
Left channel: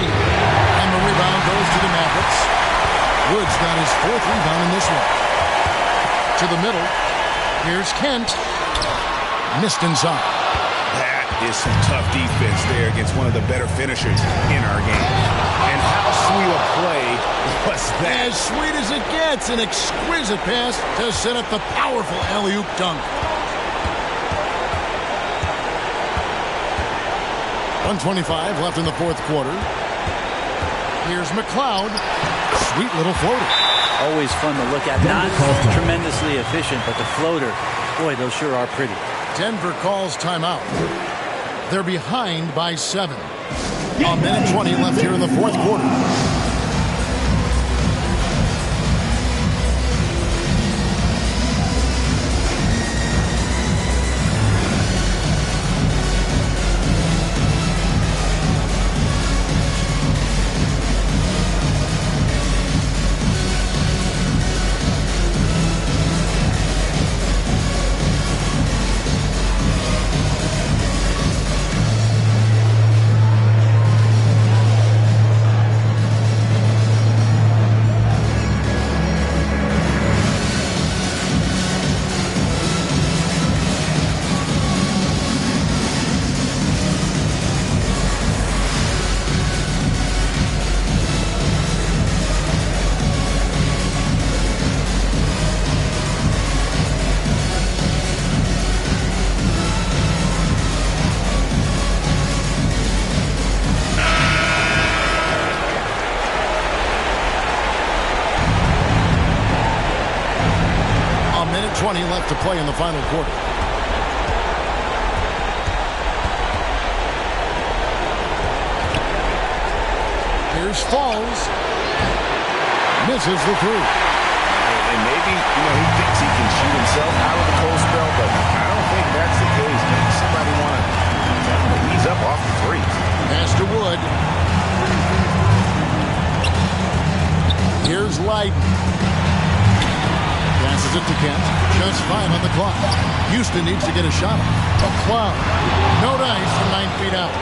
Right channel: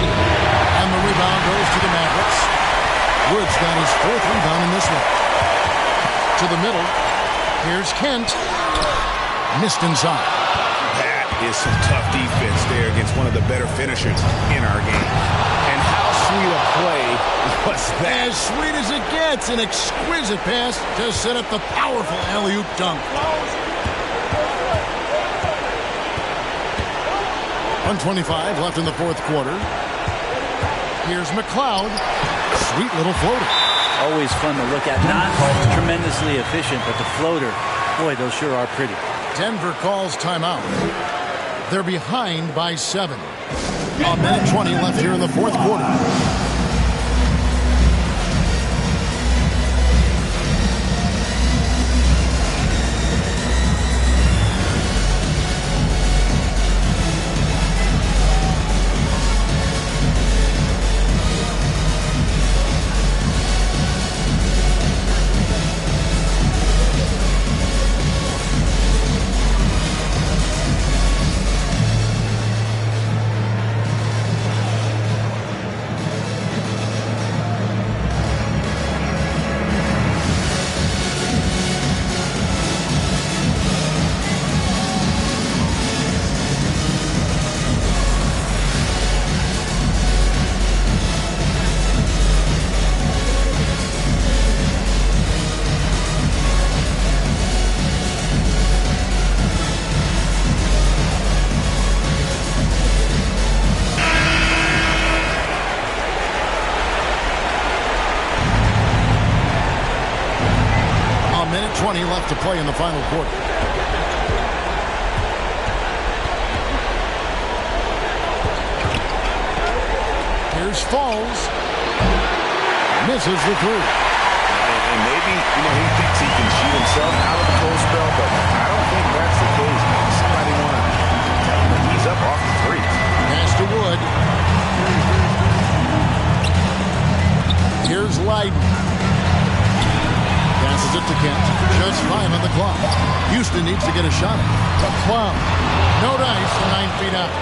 And the rebound goes to the Mavericks. Wood's got his 4th rebound in this one. To the middle. Here's Kent. Missed inside. That is some tough defense there against one of the better finishers in our game. And how sweet a play was that? As sweet as it gets. An exquisite pass to set up the powerful alley-oop dunk. 1:25 left in the 4th quarter. Here's McLeod. Sweet little floater. Always fun to look at. Not tremendously efficient, but the floater, boy, those sure are pretty. Denver calls timeout. They're behind by 7. A minute 20 left here in the 4th quarter. A minute 20 left to play in the final quarter. Here's Falls. Misses the 3. And maybe, he thinks he can shoot himself out of the cold spell, but I don't think that's the case. Maybe somebody want to tell him to ease up off the threes. Pass to Wood. Here's Leiden. Passes it to Kent. Just 5 on the clock. Houston needs to get a shot. McLeod. No dice from 9 feet out.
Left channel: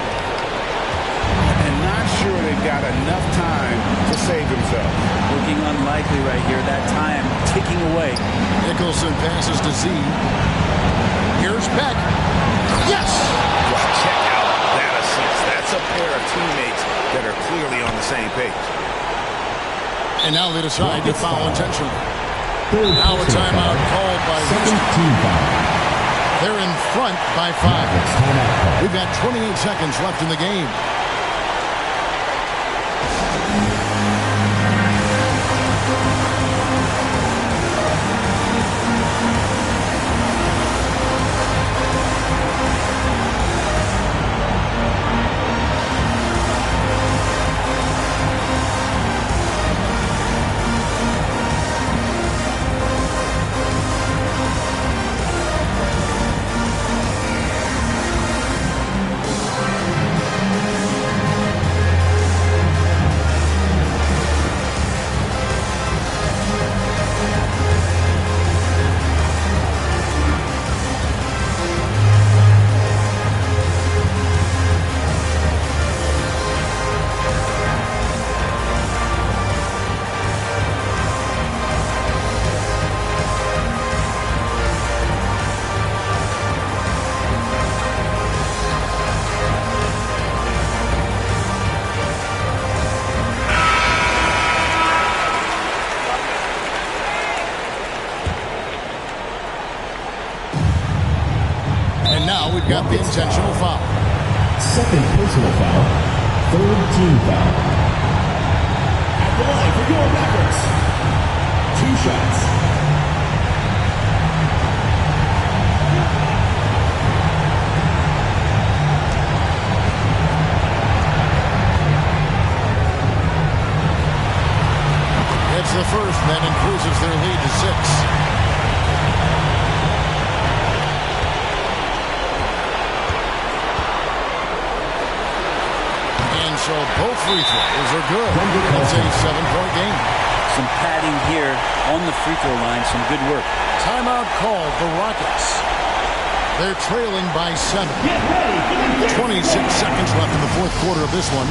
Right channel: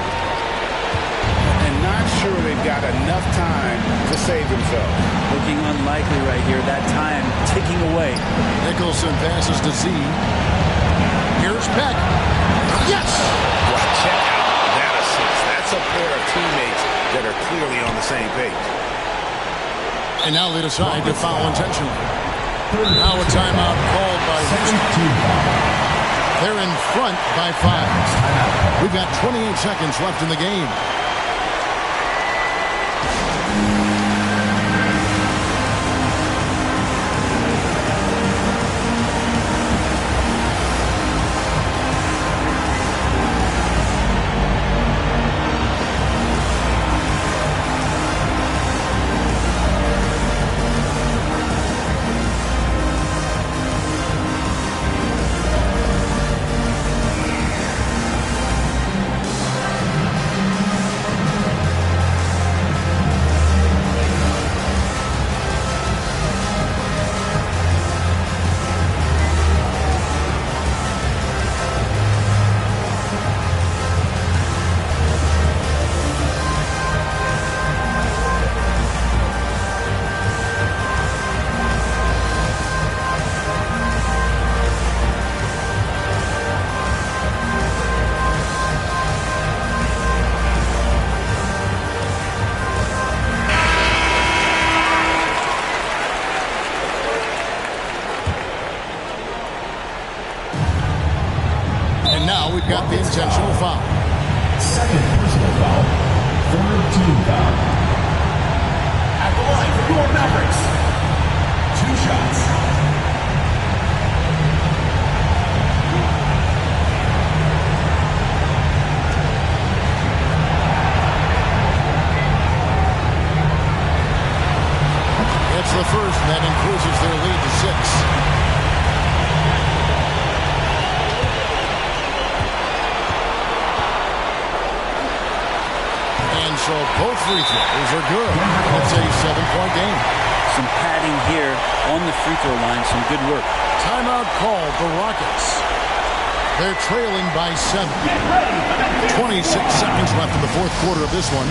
And not sure they've got enough time to save themselves. Looking unlikely right here. That time ticking away. Nicholson passes to Z. Here's Peck. Yes! Well, check out that assist. That's a pair of teammates that are clearly on the same page. And now they decide to foul intentionally. Now a timeout called by Houston. They're in front by 5. We've got 28 seconds left in the game. Now we've got the intentional foul. Second personal foul. Third team foul. At the line for your Mavericks. 2 shots. It's the first, and that increases their lead to 6. And so both free throws are good. It's a 7-point game. Some padding here on the free throw line. Some good work. Timeout called the Rockets. They're trailing by 7. 26 seconds left in the fourth quarter of this one.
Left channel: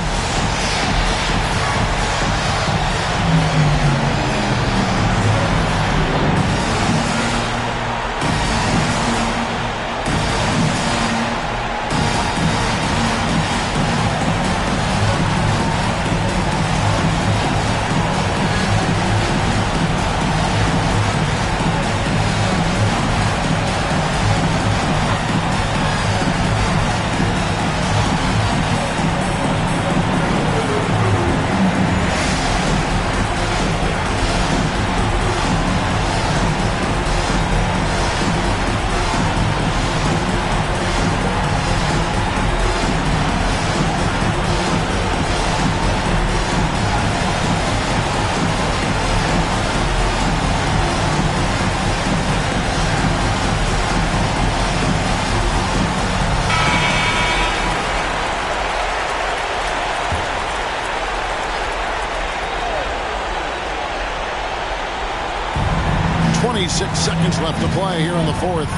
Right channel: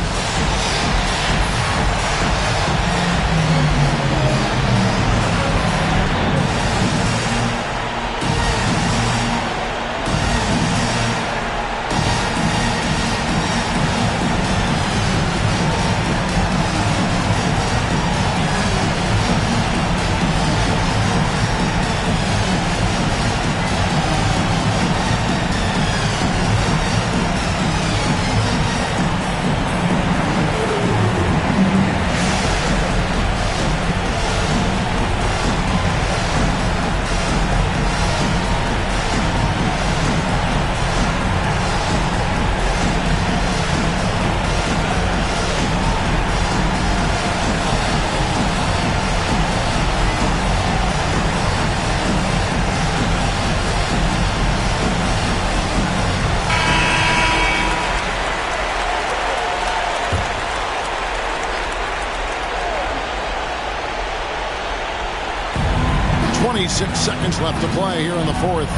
.26 seconds left to play here in the fourth.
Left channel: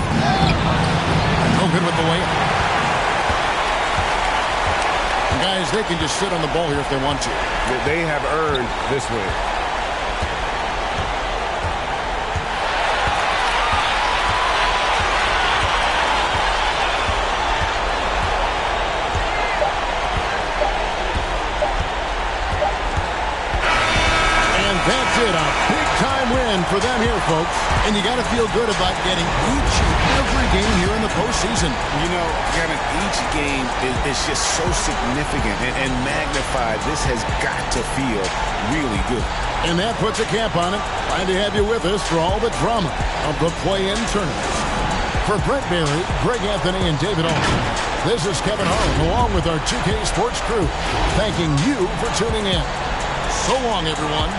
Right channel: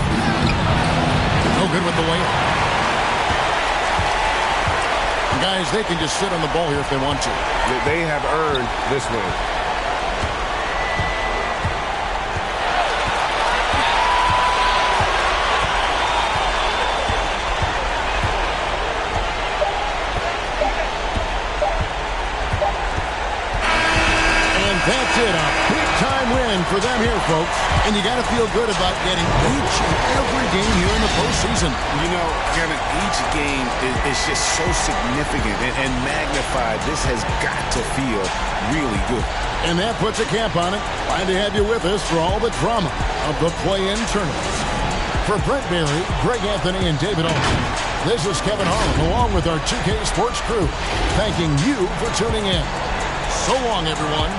No good with the layup. Guys, they can just sit on the ball here if they want to. They have earned this win. That's it, a big-time win for them here, folks. And you got to feel good about getting each and every game here in the postseason. You know, Kevin, each game is just so significant and magnified. This has got to feel really good. And that puts a cap on it. Glad to have you with us for all the drama of the play-in tournament. For Brent Barry, Greg Anthony, and David Alden, this is Kevin Harlan along with our 2K Sports crew, thanking you for tuning in. So long, everyone.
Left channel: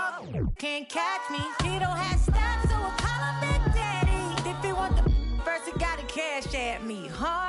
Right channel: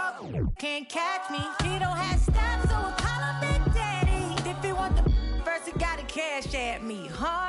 Broke can't catch me. He don't have stats, so I call him Big Daddy. If he want the first, he gotta cash at me, huh?